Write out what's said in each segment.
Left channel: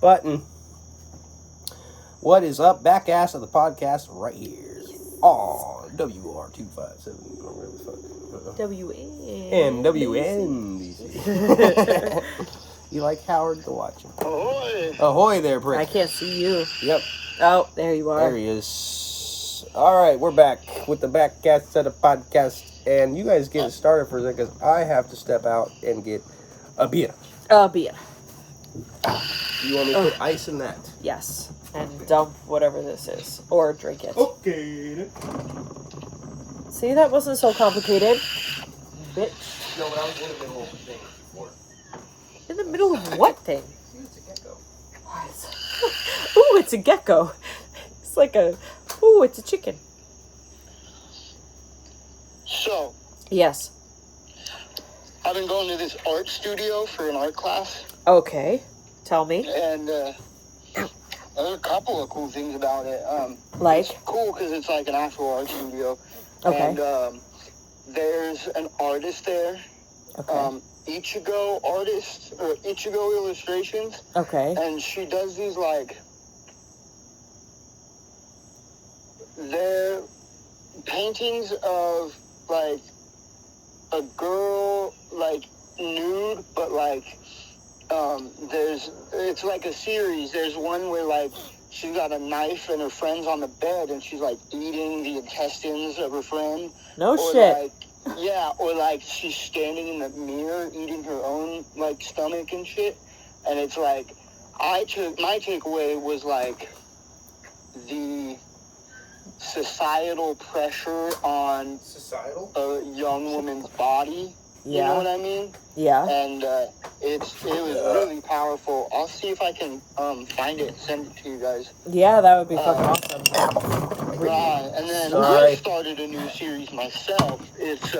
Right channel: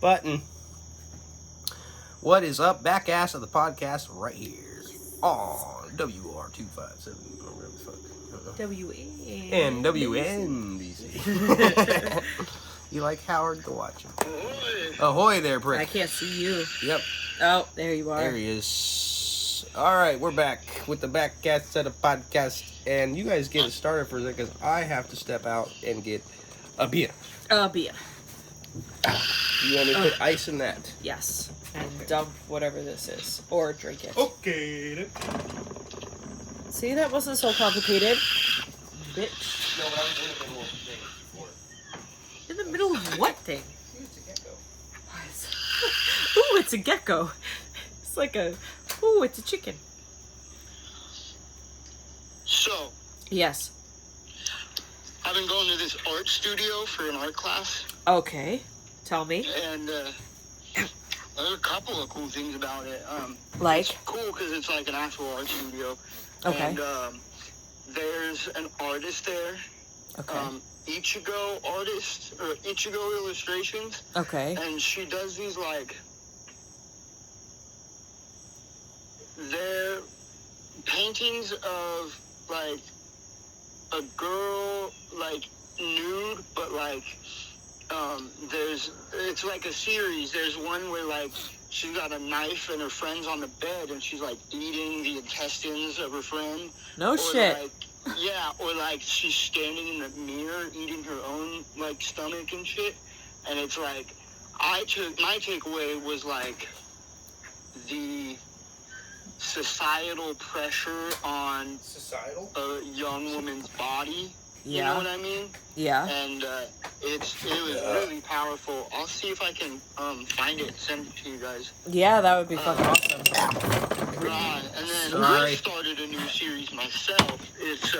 button. What is up? Backass of the podcast right here. Oh, WR257. MWN. You like Howard? Go watch him. Ahoy! Ahoy there, prick. I can't see you. Yep. Oh, there you are. There he is. All right, we're back with the Backass of the podcast. And you guys get it started for a second because I have to step out and get a beer. Beer. You want me to put ice in that? Yes. And dump whatever this is. Or drink it. Okay. See, that wasn't so complicated. Bitch. No, but I was in the middle of the thing before. In the middle of what thing? It's a gecko. Ooh, it's a gecko. It's like a... Ooh, it's a chicken. So, Yes. I've been going to this art studio for an art class, Okay. Tell me. and there's a couple of cool things about it. Like? It's cool because it's like an actual art studio. Okay. And there's an artist there, Okay. Ichigo artist, or Ichigo Illustrations, Okay. and she does these, like, they're paintings of, like, a girl, like, nude, but, like, it's like a series. There's one where, like, she's got a knife and her friend's on the bed and she's, like, eating the intestines of her friend. No Or, shit. like, yeah, or, like, she's standing in the mirror eating her own, like, stomach and shit. And it's, like, my takeaway was, like, the societal pressure on a young woman's body. You know what I mean? Yeah. And it was really powerful. I'll see if I can find it and send it to you guys. Yeah, that would be fucking awesome. Right, and then Sorry. I started a new series myself. It's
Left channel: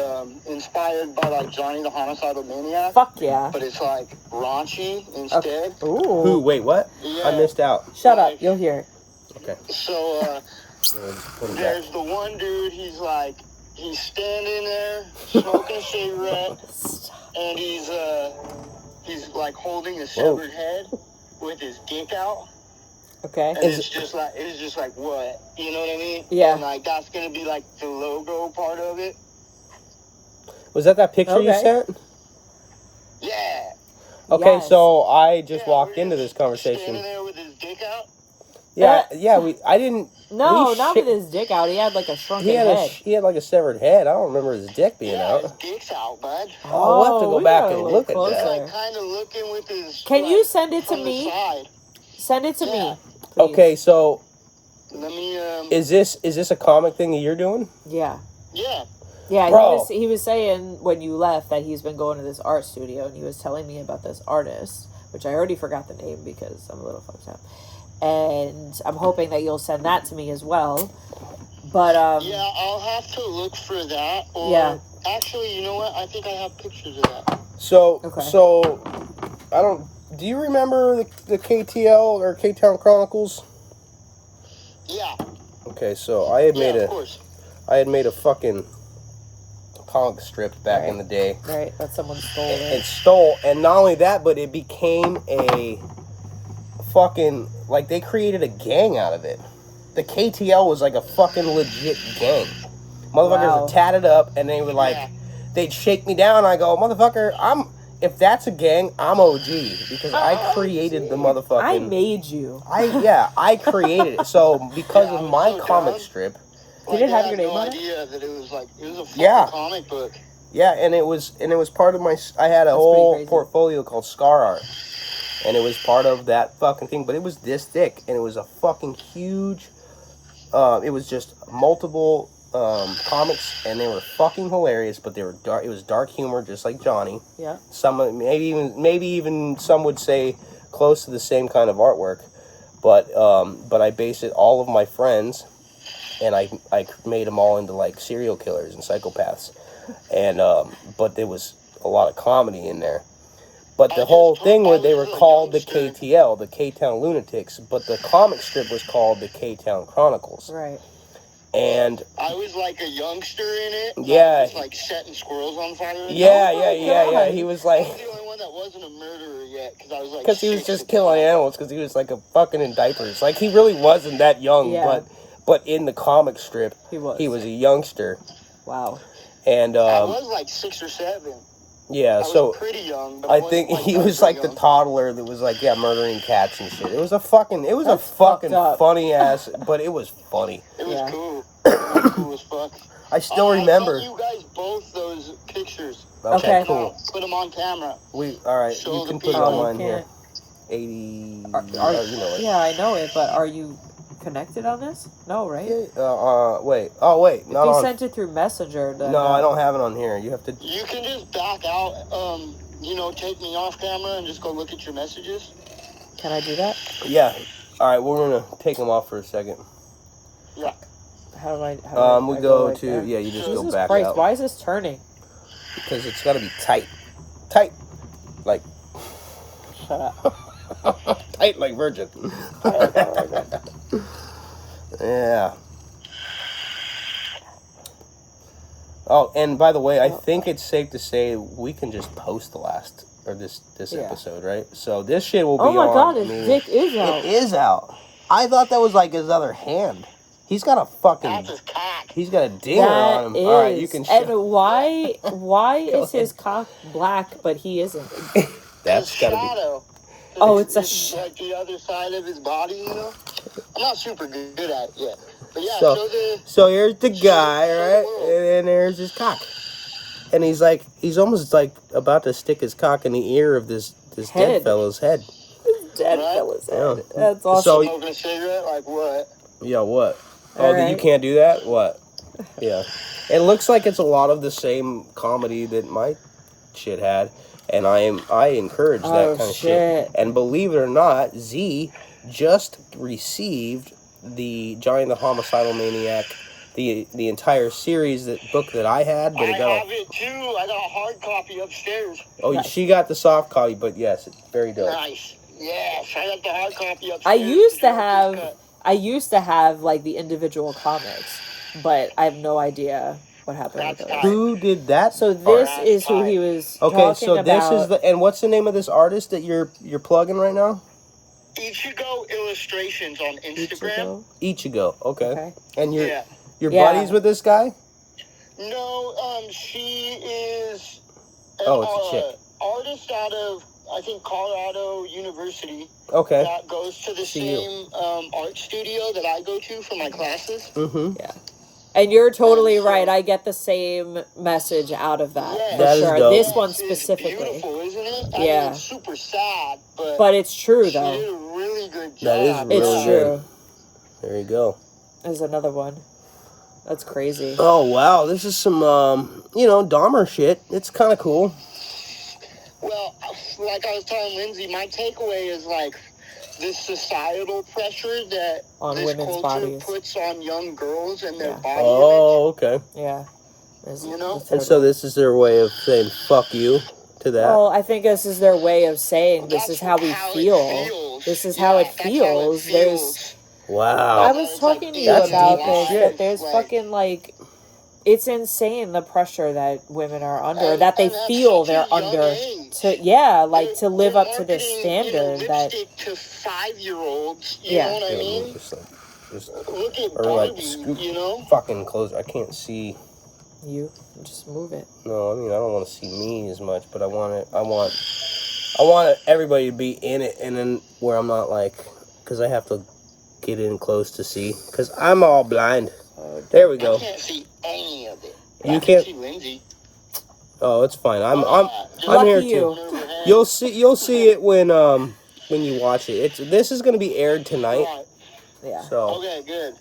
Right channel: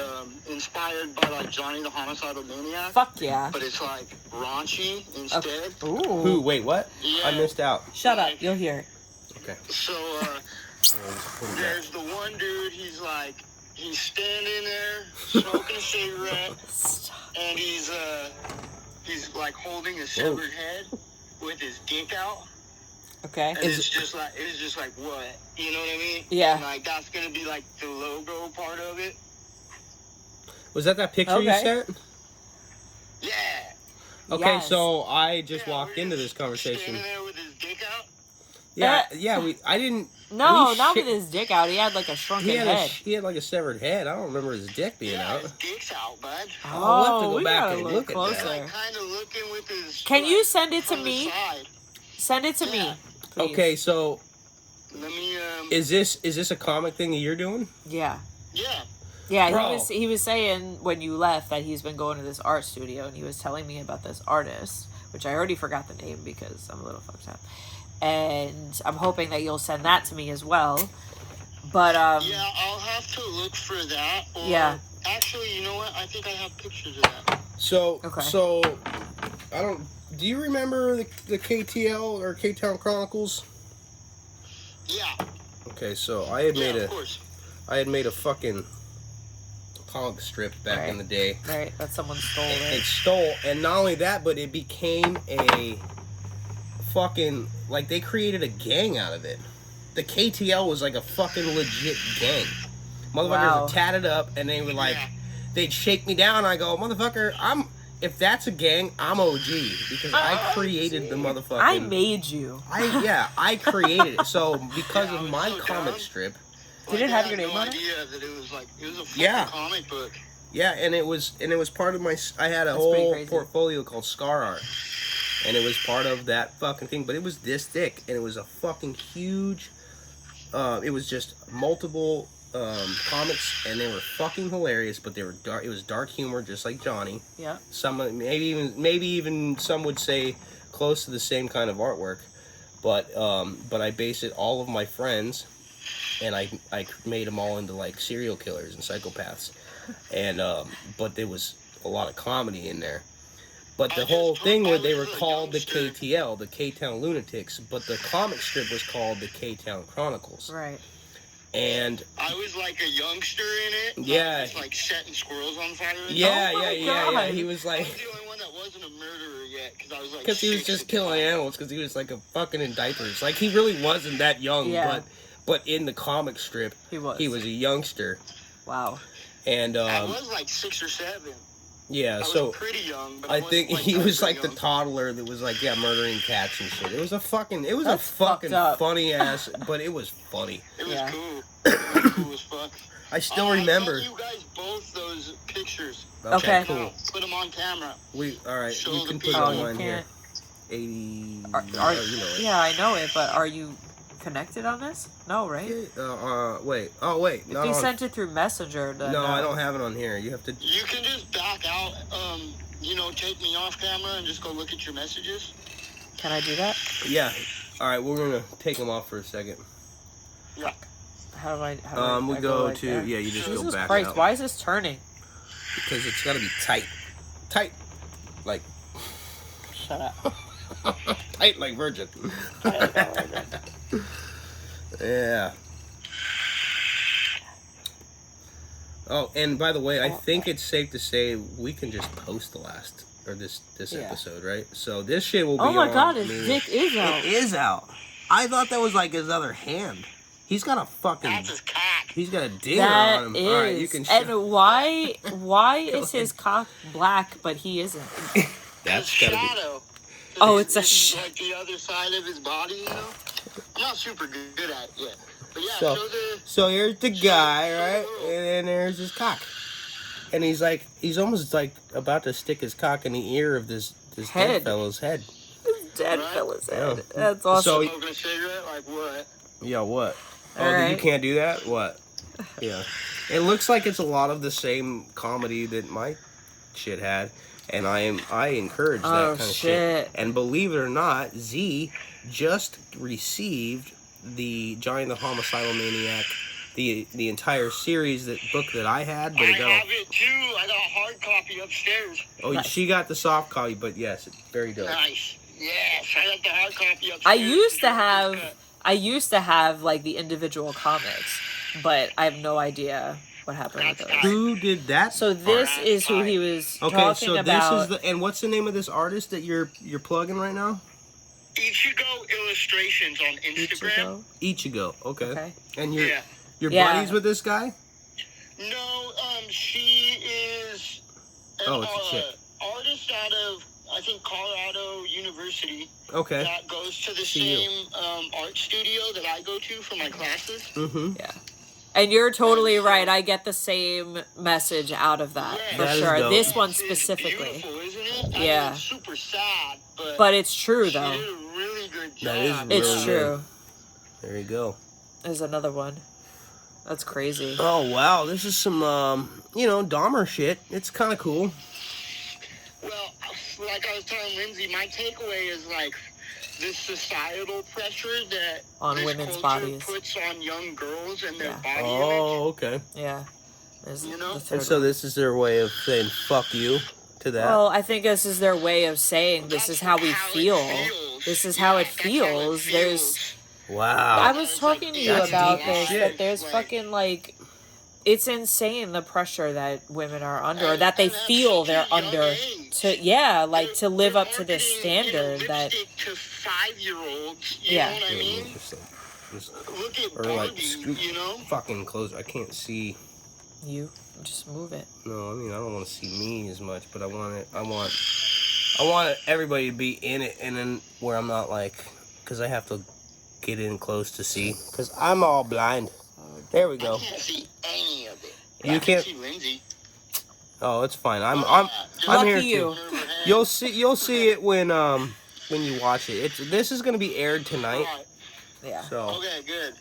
inspired by, like, Johnny the Homicidal Maniac. Fuck yeah. But it's, like, raunchy instead. Ooh. Who? Wait, what? Yeah. I missed out. Shut up. You'll hear it. Okay. So, Yeah, just put it back. there's the one dude, he's standing there, smoking a cigarette, and he's like holding a severed head with his dick out. Okay. And it's just like what? You know what I mean? Yeah. And, like, that's gonna be, like, the logo part of it. Was that picture you Okay. sent? Yeah. Okay, Yes. so I just Yeah, walked we're into just this conversation. Standing there with his dick out. Yeah, I didn't. No, we not shit- with his dick out. He had like a shrunken He had head. he had like a severed head. I don't remember his dick being Yeah, out. his dick's out, bud. Oh, we'll have to go we back gotta and look look at closer. that. Like, kind of looking with his. Can like, you send it to from the me? side. Send it to Yeah. me. Please. Okay, so Let me. is this a comic thing that you're doing? Yeah. Yeah. Yeah, Bro. he was saying when you left that he's been going to this art studio, and he was telling me about this artist, which I already forgot the name because I'm a little fucked up. And I'm hoping that you'll send that to me as well. But Yeah, I'll have to look for that. Or, Yeah. Actually, you know what? I think I have pictures of that. So Okay. so I don't. Do you remember the KTL or K-Town Chronicles? Yeah. Okay, so I had Yeah, made of course. a fucking comic strip back in the day. right, that someone stole It it. stole, and not only that, but it became a fucking, like, they created a gang out of it. The KTL was like a fucking legit gang. Motherfuckers Wow. were tatted up, and they were like, Yeah. they'd shake me down, and I go, motherfucker, if that's a gang, I'm OG, because I created the motherfucking... I made you. I created it. So, because Yeah, I of was my so comic down. strip, Did it have I your had name no on it? idea that it was a fucking Yeah. comic book. yeah, and it was part of my, I had a That's whole pretty crazy. portfolio called Scar Art. And it was part of that fucking thing, but it was this thick, and it was a fucking huge, it was just multiple comics, and they were fucking hilarious, but they were dark. It was dark humor, just like Johnny. Yeah. Some, maybe even some would say close to the same kind of artwork, but I based it all of my friends, and I made them all into like serial killers and psychopaths, and but there was a lot of comedy in there. But the whole thing where they were called the KTL, the K-Town Lunatics, but the comic strip was called the K-Town Chronicles. Right. And I was like a youngster in it. Yeah. I was like setting squirrels on fire. Yeah. He was I like, was the only one that wasn't a murderer yet, because I was like. because he was 6 just at the killing time. animals because he was like a fucking in diapers. Like, he really wasn't that young, Yeah. but in the comic strip, He was. he was a youngster. Wow. And I was like 6 or 7. yeah, I so was pretty young, but I think he was like the young. toddler that was like, yeah, murdering cats and shit. It was a fucking That's fucked up. funny ass, but it was funny. It was Yeah. cool. It was cool as fuck. I still remember. I sent you guys both those pictures. Okay. Cool. Put them on camera. All right, Show you the can put it people. on you mine here. can't. 80. You know it. Yeah, I know it, but are you connected on this? No, right? Wait. Oh, wait. If Not you on. sent it through Messenger, then No, I don't have it on here. You have to. You can just back out, take me off camera and just go look at your messages. Can I do that? Yeah. All right, we're gonna take them off for a second. Yeah. How do I We I go like to that? you just Jesus go back Christ, out why is this turning? because it's gotta be tight, like Shut up. tight like Virgin. Yeah. Oh, and by the way, I think it's safe to say we can just post the last or this Yeah. episode, right? So this shit will be Oh my on. god, his dick is out. It is out. I thought that was like his other hand. He's got a fucking. That's his cock. He's got a dinger That on him. is. All right, you can. And why is his cock black but he isn't? That's His gotta be. shadow. Oh, it's a like the other side of his body, you know? I'm not super good at it yet. But yeah, So- show the... So here's the guy, show the right? world. And then there's his cock. And he's almost like about to stick his cock in the ear of this dead Head. fellow's head. Dead Right? fella's Yeah. head. That's awesome. So- Smoking a cigarette? Like what? Yeah, what? All You right. can't do that? What? Yeah. It looks like it's a lot of the same comedy that my shit had. And I encourage that Oh, kind of shit. shit. And believe it or not, Z just received the Johnny the Homicidal Maniac, the entire series, that book that I had, but I it got have it too. I got a hard copy upstairs. oh, Nice. she got the soft copy, but yes, it's very dope. Nice. Yes, I got the hard copy upstairs. I used to Cut. have like the individual comics, but I have no idea what happened with That's those. fine. Who did that? So this Alright, is who fine. he was Okay, talking so this about. is the and what's the name of this artist that you're plugging right now? Ichigo Illustrations on Instagram. Ichigo. Okay. Okay. And you're Yeah. Yeah. buddies with this guy? No, she is an Oh, it's a chick. artist out of, I think, Colorado University Okay. that goes to the See you. same art studio that I go to for my classes. Mm-hmm. Yeah. And you're totally right. I get the same message out of that, Yeah. for That is sure. dope. This one It's specifically. beautiful, isn't it? I Yeah. mean, it's super sad, but, But it's true she though. did a really good job. That is It's really true. There you go. There's another one. That's crazy. Oh wow, this is some Dahmer shit. It's kind of cool. Well, like I was telling Lindsay, my takeaway is like this societal pressure that On this women's culture bodies. puts on young girls and their Yeah. body image. Oh, okay. Yeah. There's You know? the third And so one. this is their way of saying fuck you to that. Well, I think this is their way of saying this That's is how we it feel. feels. This is Yeah, how it that's how it feels. There's feels. Wow. I was It's talking like to you That's about deep this, shit. that there's Like- fucking like it's insane the pressure that women are under, or And- that they and at feel such they're a young under age. to live They're up to this marketing, standard that lipstick to 5-year-olds. You Yeah. know what I Yeah, mean? just Look at or like Barbie. scoop You know? fucking close. I can't see. you just move it. No, I mean I don't want to see me as much, but I want it. I want everybody to be in it, and then where I'm not like, because I have to get in close to see, because I'm all blind. There we I go. can't see any of it. You I can't- can see Lindsay. Oh, it's fine. I'm Just Lucky here you. too. over her head. You'll see it when you watch it. This is gonna be aired tonight. Right. Yeah. So Okay, good.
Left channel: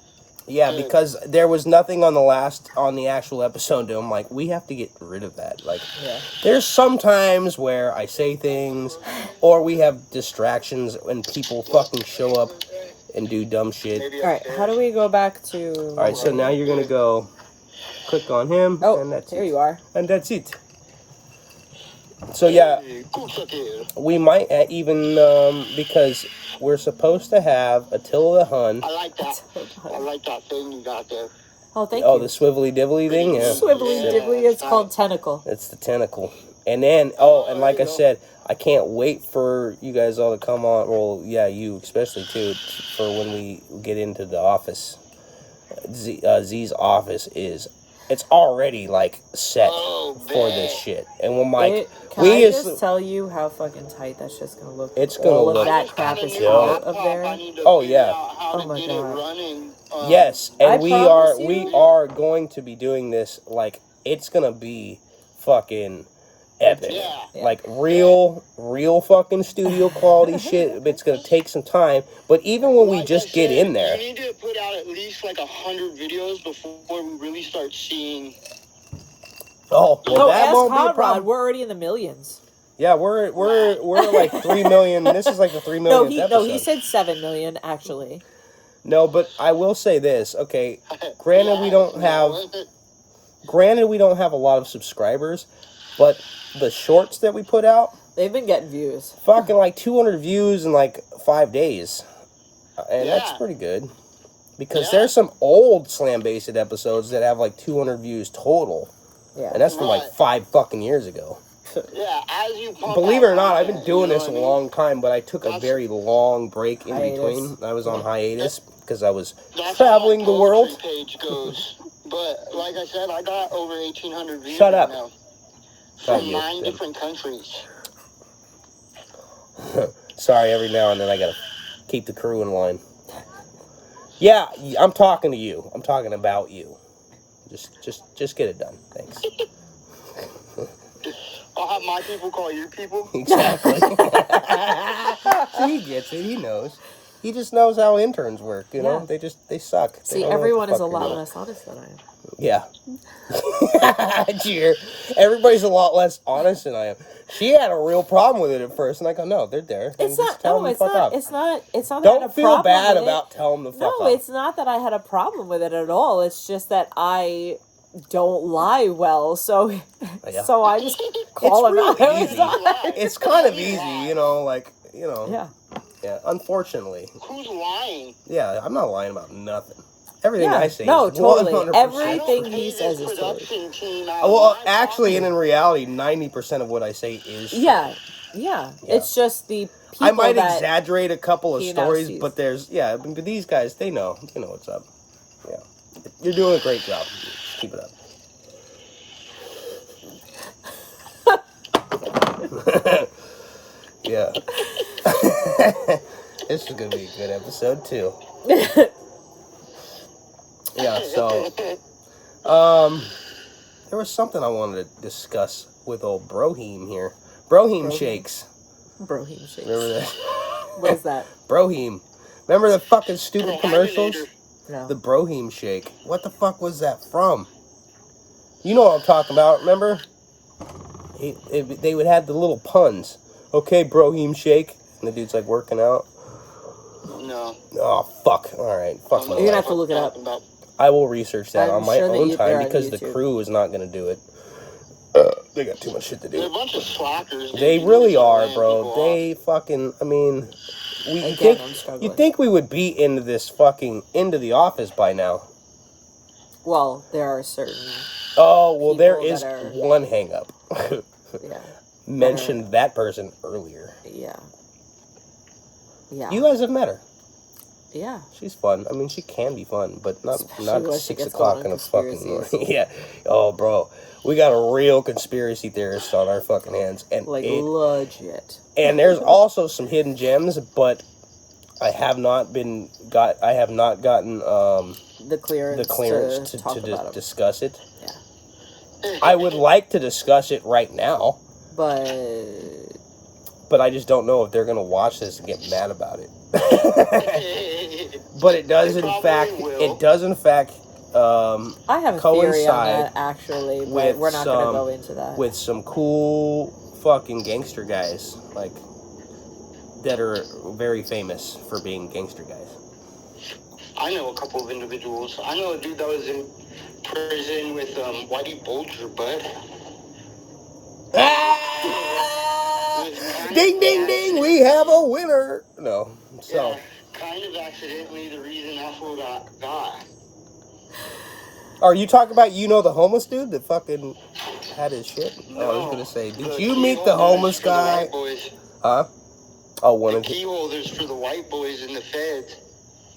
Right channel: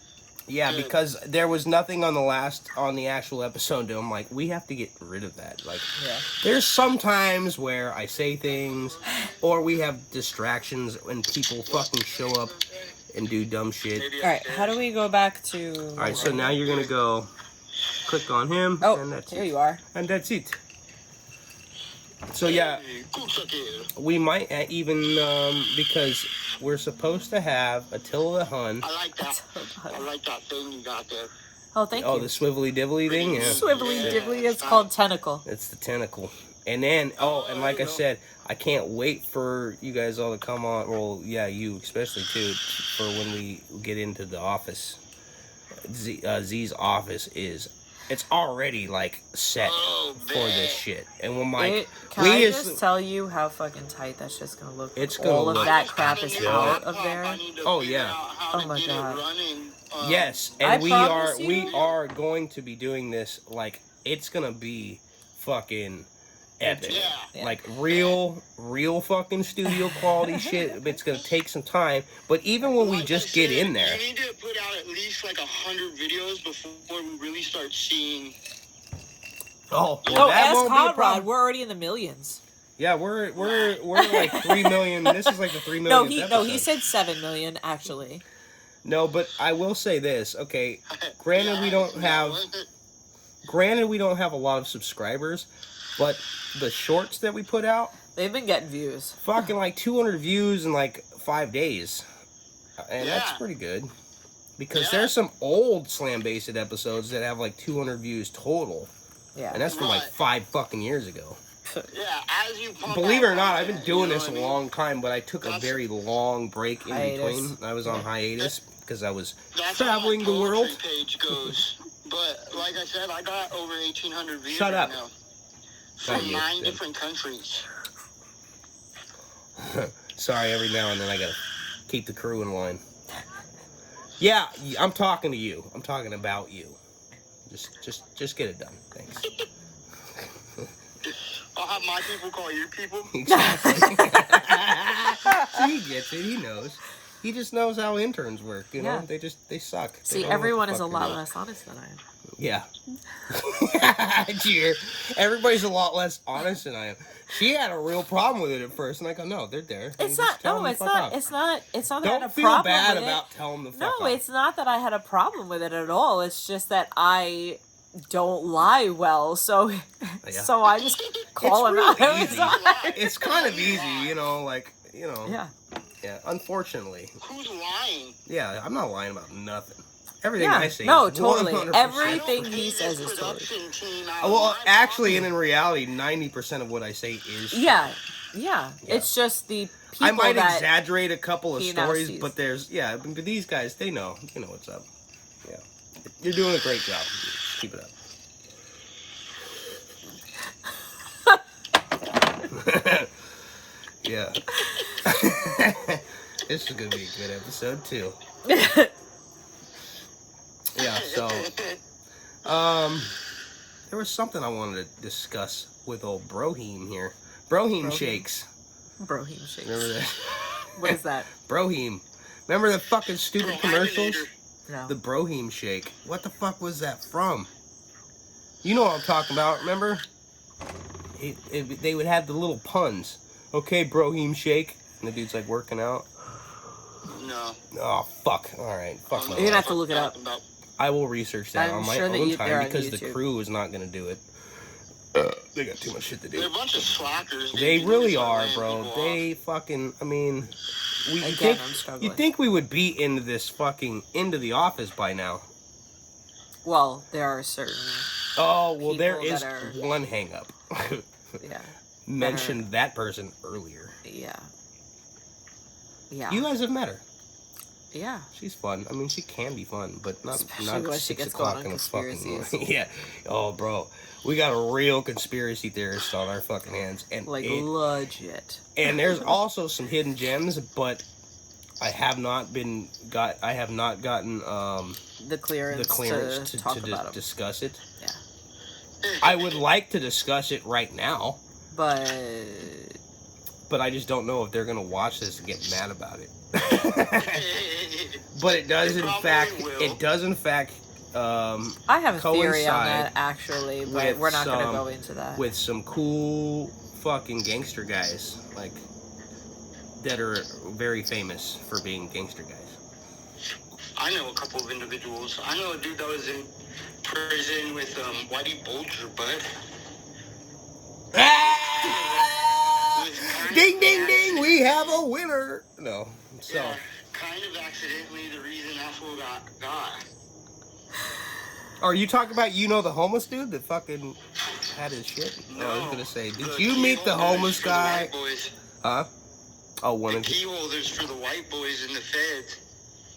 yeah, Good. because there was nothing on the actual episode. I'm like, we have to get rid of that. Like, Yeah. there's some times where I say things, or we have distractions and people fucking show up and do dumb shit. Maybe All right. How do we go back to? All right, so now you're gonna go click on him, Oh, and that's there it. you are. And that's it. So yeah, we might even because we're supposed to have Attila the Hun. I like that. I like that thing you got there. Oh, thank Oh, you. the swivelly divelly thing? Yeah. Swivelly Yeah, dibbly, it's called tentacle. It's the tentacle. And then, and like there I you go. said, I can't wait for you guys all to come on. Well, yeah, you especially too, for when we get into the office. Z's office it's already like set for this shit. And when Can I just tell you how fucking tight that shit's gonna look? It's when gonna all look- of I that just crap got a is new out laptop. of there. I need to Oh, figure yeah. out how Oh to my get God. it running. Yes, and I we promise are you- going to be doing this like it's gonna be fucking epic. Yeah. Like real fucking studio quality shit. It's gonna take some time, but even when we Like just I get said, in there, we need to put out at least like 100 videos before we really start seeing. well, No, that ask won't be a Conrad. problem. We're already in the millions. Yeah, we're like 3 million. This is like the 3 million. No, he said 7 million actually. No, but I will say this. Okay, granted we don't have a lot of subscribers, but the shorts that we put out, They've been getting views. fucking like 200 views in like 5 days. And that's Yeah. pretty good. Because Yeah. there's some old Slam Based episodes that have like 200 views total. Yeah. And that's from like Right. 5 fucking years ago. Yeah, as you pump Believe it out or not, I've been content, doing you know this a what I mean? long time, but I took a That's- very long break in Hiatus. between. I was on hiatus because I was That's traveling how the my world. poetry page goes. But like I said, I got over 1,800 views Shut right up. now Not from you, 9 then. different countries. Sorry, every now and then I gotta keep the crew in line. Yeah, I'm talking to you. I'm talking about you. Just get it done. Thanks. I'll have my people call your people. Exactly. He gets it. He knows. He just knows how interns work. You know, Yeah. they suck. They See, don't know what everyone the is a fuck they're lot doing. less honest than I am. Yeah. Cheer. Everybody's a lot less honest than I am. She had a real problem with it at first, and I go, no, they're there. It's Just not. tell No, them to it's fuck not. off. It's not. It's not that I had Don't a feel problem bad with about it. telling them to No, fuck off. it's not that I had a problem with it at all. It's just that I don't lie well, so Yeah. so I just call him real out. every easy. time. It's kind of easy, you know, like, you know. Yeah. Yeah, unfortunately. Who's lying? Yeah, I'm not lying about nothing. Everything Yeah. I say No, is totally. 100%. Everything I don't he pay says this is totally. production team out Well, of my actually, and pocket. in reality, 90% of what I say is true. Yeah. Yeah. It's just the people I might that exaggerate a couple of he now stories, sees. but but these guys, they know what's up. Yeah. You're doing a great job. Just keep it up. Yeah. This is going to be a good episode, too. Yeah, so, there was something I wanted to discuss with old Broheem here. Broheem shakes. Broheem shakes. Remember that? What is that? Broheem. Remember the fucking stupid commercials? No. The Broheem shake. What the fuck was that from? You know what I'm talking about, remember? They would have the little puns. Okay, Broheem shake. And the dude's like working out. No. Oh, fuck. Alright, fuck my You're gonna life. have to look it up. I will research that I'm on my sure that own they're time on because the YouTube. crew is not going to do it. They got too much shit to They're a do. bunch of slackers. They dude. really They're are, laying bro. people They off. fucking, I mean, Again, I'm struggling. you'd think we would be into this fucking, into the office by now. Well, there are certain. Oh, well, there People is that are- one hang up. Yeah. Mentioned that person earlier. Yeah. Yeah. You guys have met her. Yeah. She's fun. I mean, she can be fun, but not Especially when she 6 gets o'clock going in on the fucking conspiracies. morning. Yeah. Oh, bro. We got a real conspiracy theorist on our fucking hands. And Like legit. and there's also some hidden gems, but I have not gotten The clearance, the clearance to to talk about them. discuss it. Yeah. I would like to discuss it right now, But but I just don't know if they're gonna watch this and get mad about it. But it does They in probably fact will. I have a theory on coincide that actually, but with we're not going to some- go into that. with some cool fucking gangster guys, like, that are very famous for being gangster guys. I know a couple of individuals. I know a dude that was in prison with Whitey Bulger, bud. Ding, ding, ding, we have a winner. No, so, Yeah, kind of accidentally the reason that fool got. Are you talking about the homeless dude that fucking had his shit? No, I was gonna say, did the you key meet the holders homeless for the guy? white boys. Huh? Oh, one The of key holders for the white boys in the feds.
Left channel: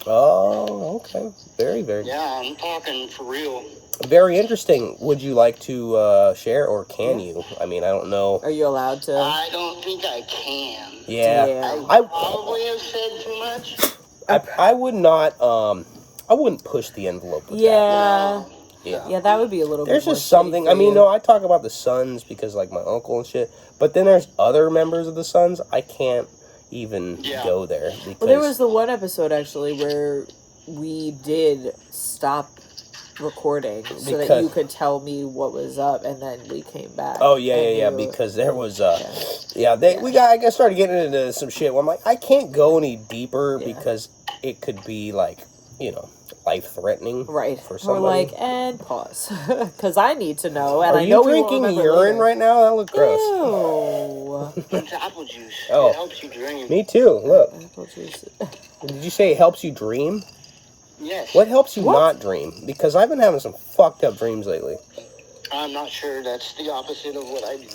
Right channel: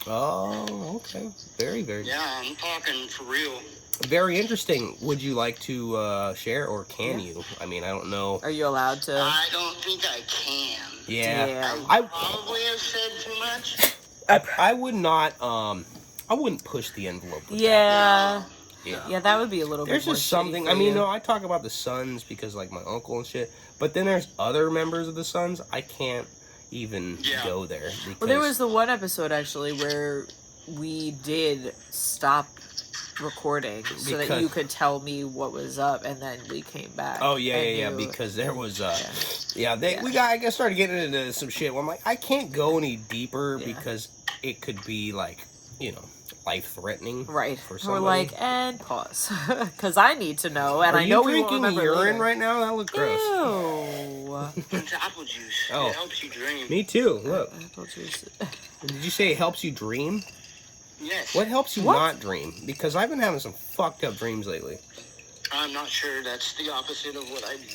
Oh, okay. Very, very. Yeah, I'm talking for real. Very interesting. Would you like to share, or can you? I mean, I don't know. Are you allowed to? I don't think I can. Yeah. Damn. I probably have said too much. I would not. I wouldn't push the envelope with that. Yeah. Yeah. Yeah, that would be a little There's bit more just something. shitty for I mean, you. no, I talk about the Sons because like my uncle and shit. But then there's other members of the Sons. I can't even go there. Because, Well, there was the one episode actually where we did stop recording so that you could tell me what was up, and then we came back. Oh yeah. Because there was I guess started getting into some shit where I'm like, I can't go any deeper because it could be like, life threatening. Right. For somebody. We're like, and pause, because I need to know, and Are I know you we won't drinking remember urine later. right now? That looks gross. Ew. It's apple juice. Oh. It helps you dream. Me too. Look. Apple juice. Did you say it helps you dream? Yes. What helps you not dream? Because I've been having some fucked up dreams lately. I'm not sure. That's the opposite of what I do.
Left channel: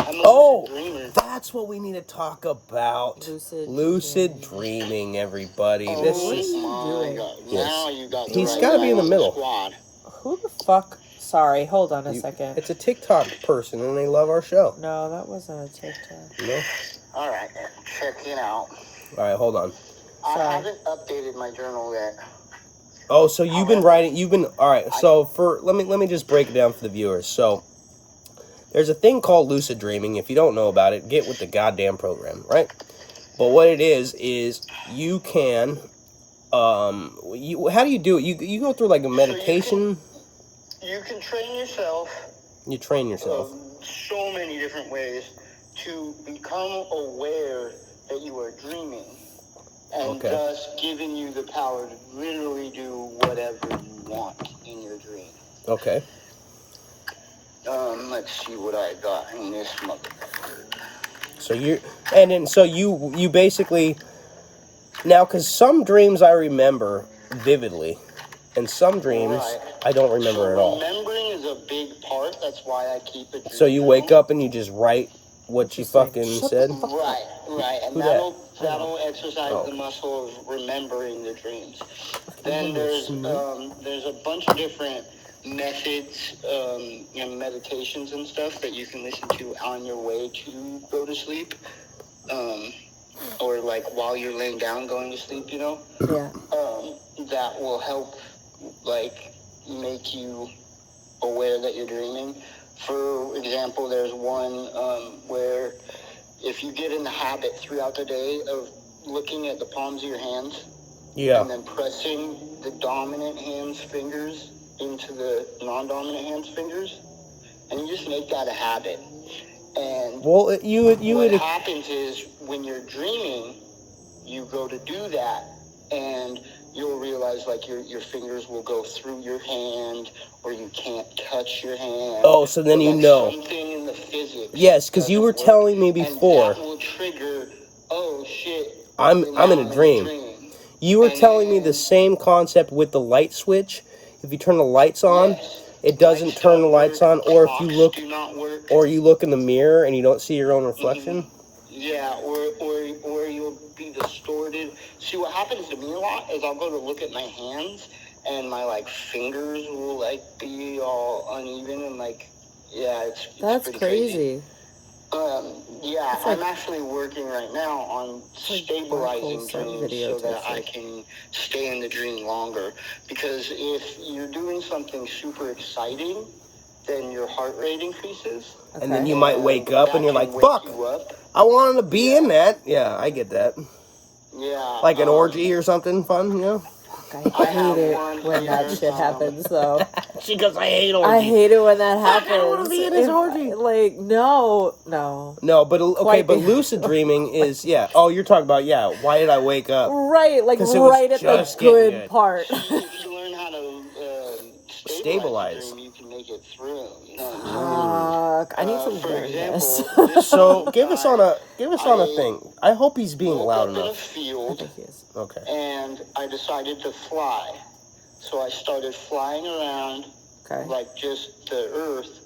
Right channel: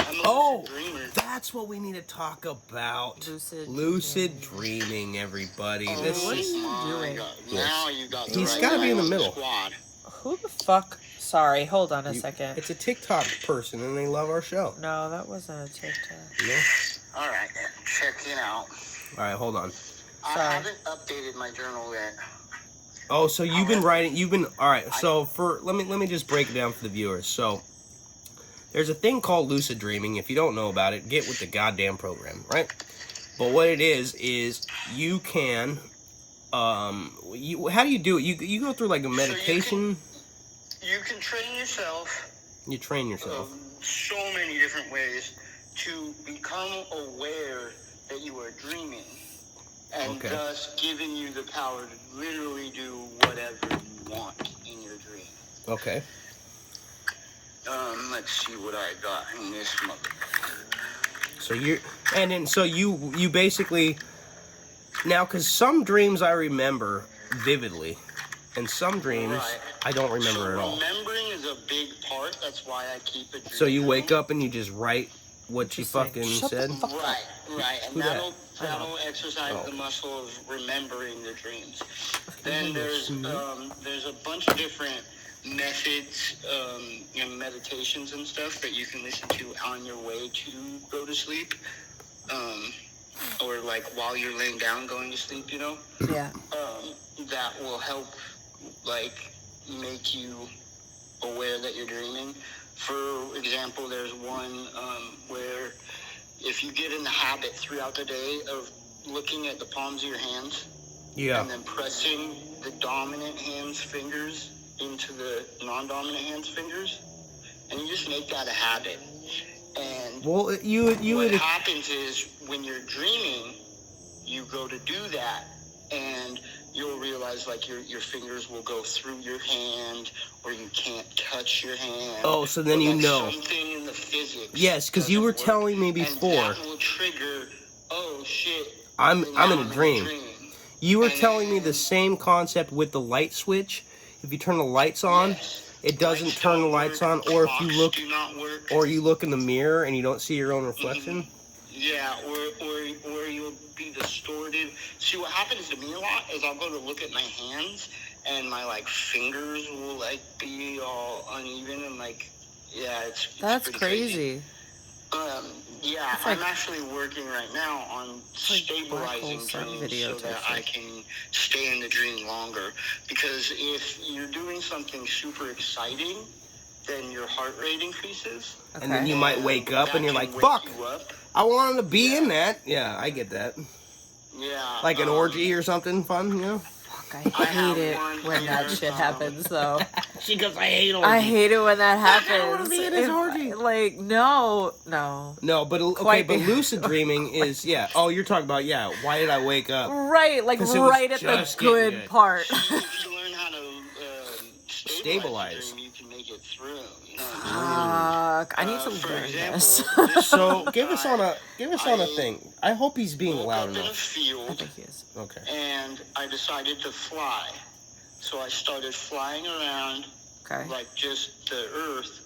I'm a lucid dreamer. That's what we need to talk about. Lucid dreaming, everybody. Oh, this what is. are you doing? Now you got the He's right gotta be in the guy on middle. Squad. Who the fuck? Sorry, hold on a second. It's a TikTok person, and they love our show. No, that wasn't a TikTok. No? All right, check it out. All right, hold on. I haven't updated my journal yet. Oh, so you've been writing. All right. So let me just break it down for the viewers. So there's a thing called lucid dreaming. If you don't know about it, get with the goddamn program, right? But what it is you can, how do you do it? You go through like a meditation. So you can train yourself. You train yourself. So many different ways to become aware that you are dreaming. And thus giving you the power to literally do whatever you want in your dream. Okay. Let's see what I got in this motherfucker. So you basically, now, because some dreams I remember vividly, and some dreams I don't remember at all. Remembering is a big part. That's why I keep it. So you wake up and you just write what you fucking said? Right. And that'll exercise the muscle of remembering the dreams. Then there's a bunch of different methods and meditations and stuff that you can listen to on your way to go to sleep. Or like while you're laying down going to sleep, Yeah. That will help like make you aware that you're dreaming. For example, there's one where if you get in the habit throughout the day of looking at the palms of your hands and then pressing the dominant hand's fingers into the non-dominant hand's fingers, and you just make that a habit. And what happens is when you're dreaming, you go to do that, and you'll realize like your fingers will go through your hand, or you can't touch your hand. Oh, so then you know. Something in the physics. Yes, because you were telling me before. And that will trigger. Oh shit! I'm in a dream. You were telling me the same concept with the light switch. If you turn the lights on, it doesn't turn the lights on, or if you look in the mirror and you don't see your own reflection. Mm-hmm. Yeah, or you'll be distorted. See, what happens to me a lot is I'll go to look at my hands and my like fingers will like be all uneven and like it's That's crazy. I'm actually working right now on stabilizing dreams so that I can stay in the dream longer. Because if you're doing something super exciting, then your heart rate increases. And then you might wake up and you're like, fuck, I wanted to be in that. Yeah, I get that. Yeah. Like an orgy or something fun, I hate it when that shit happens, though. She goes, I hate orgies. I hate it when that happens. I want to be in this orgy. Like, no. No, but okay, but lucid dreaming is, Oh, you're talking about, why did I wake up? Right, like right at the good part. If you learn how to stabilize the dream, you can make it through. You know what I mean? I need some For example, So give us on a thing. I hope he's being loud enough. enough. In a field, Okay. and I decided to fly. So I started flying around, Okay. like just the Earth,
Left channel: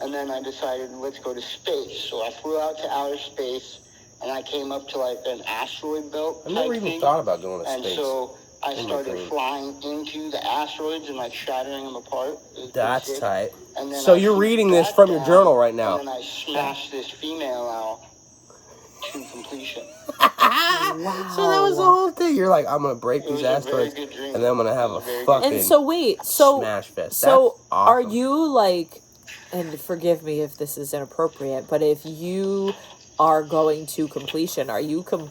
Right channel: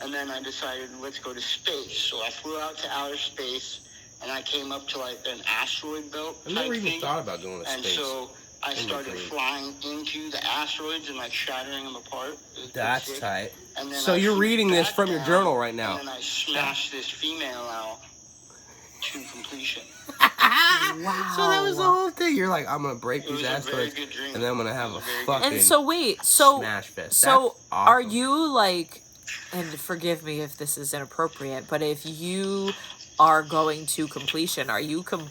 and then I decided, let's go to space. So I flew out to outer space, and I came up to like an asteroid belt I've never even thought about going to and space. so I in my started dream. flying into the asteroids and like shattering them apart. That's sick. tight. And then So I you're flew reading this back from your down, journal right now. And then I smashed this female out to completion. Wow. So that was the whole thing. You're like, I'm gonna break It these was a very asteroids, good dream. and then I'm gonna have It a was very fucking good. And so wait, so smash fest. so That's awesome. are you like, and forgive me if this is inappropriate, but if you are going to completion, are you do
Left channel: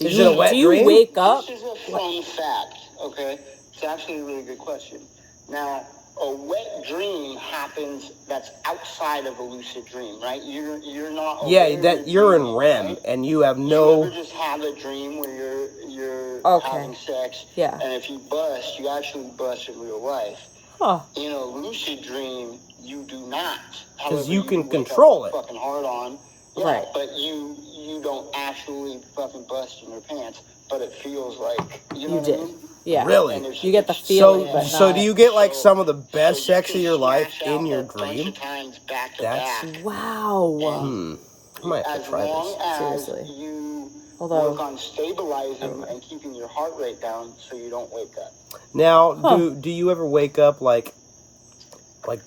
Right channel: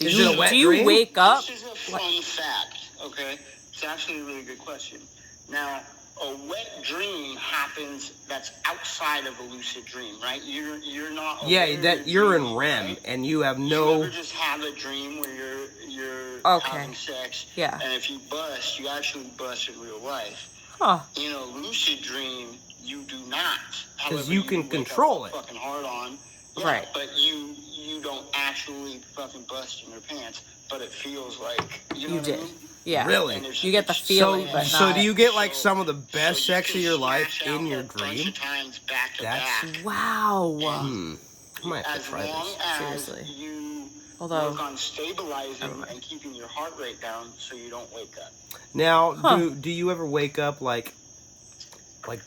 Is it a wet do you dream? wake up? This is a fun fact, okay? It's actually a really good question. Now, a wet dream happens that's outside of a lucid dream, right? You're not aware you're in dreaming, REM, right? and you have You no. ever just have a dream where you're Okay. having sex, Yeah. and if you bust, you actually bust in real life. Huh. In a lucid dream, you do not. Because However, you can wake control up it. fucking hard on. Yeah, Right. But you don't actually fucking bust in your pants, but it feels like you know You what I did. mean? Yeah. Really? And it's- You get the it's- feeling, So, but so not. do you get like So- some of the best so you sex of can your life smash out in your a bunch dream? of times back to That's- back. Wow. I might have to As try long this. as Seriously. you Although- work on stabilizing Never mind. and keeping your heart rate down so you don't wake up. Now, Huh. do you ever wake up like,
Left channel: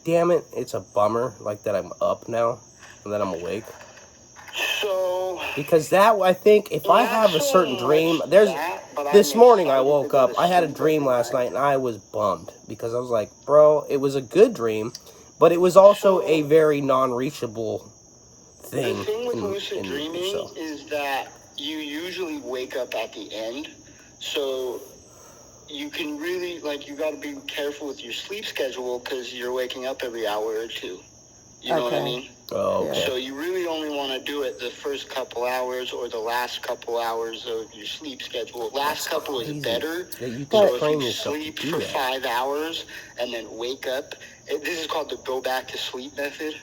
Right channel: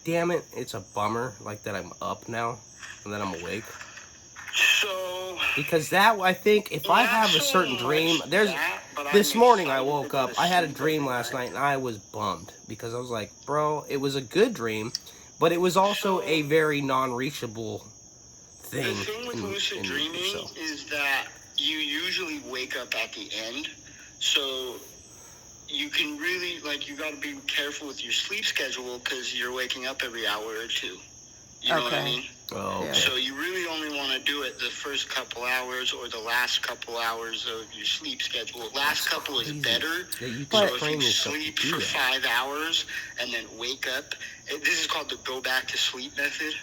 damn it, it's a bummer, like that I'm up now, and that I'm awake? So Because that, I think, if I not have a so certain much dream, that, but this I'm morning I excited to woke go up, to I had a sleep dream every last night, and I was bummed, because I was like, bro, it was a good dream, but it was also So- a very non-reachable thing. The thing with lucid in dreaming itself. is that you usually wake up at the end, so you can really, like, you got to be careful with your sleep schedule because you're waking up every hour or two. You know what I Okay. mean? Oh, okay. So you really only want to do it the first couple hours or the last couple hours of your sleep schedule. Last couple is crazy better. that you can So if train you yourself to sleep do for that. 5 hours and then wake up, this is called the go back to sleep method.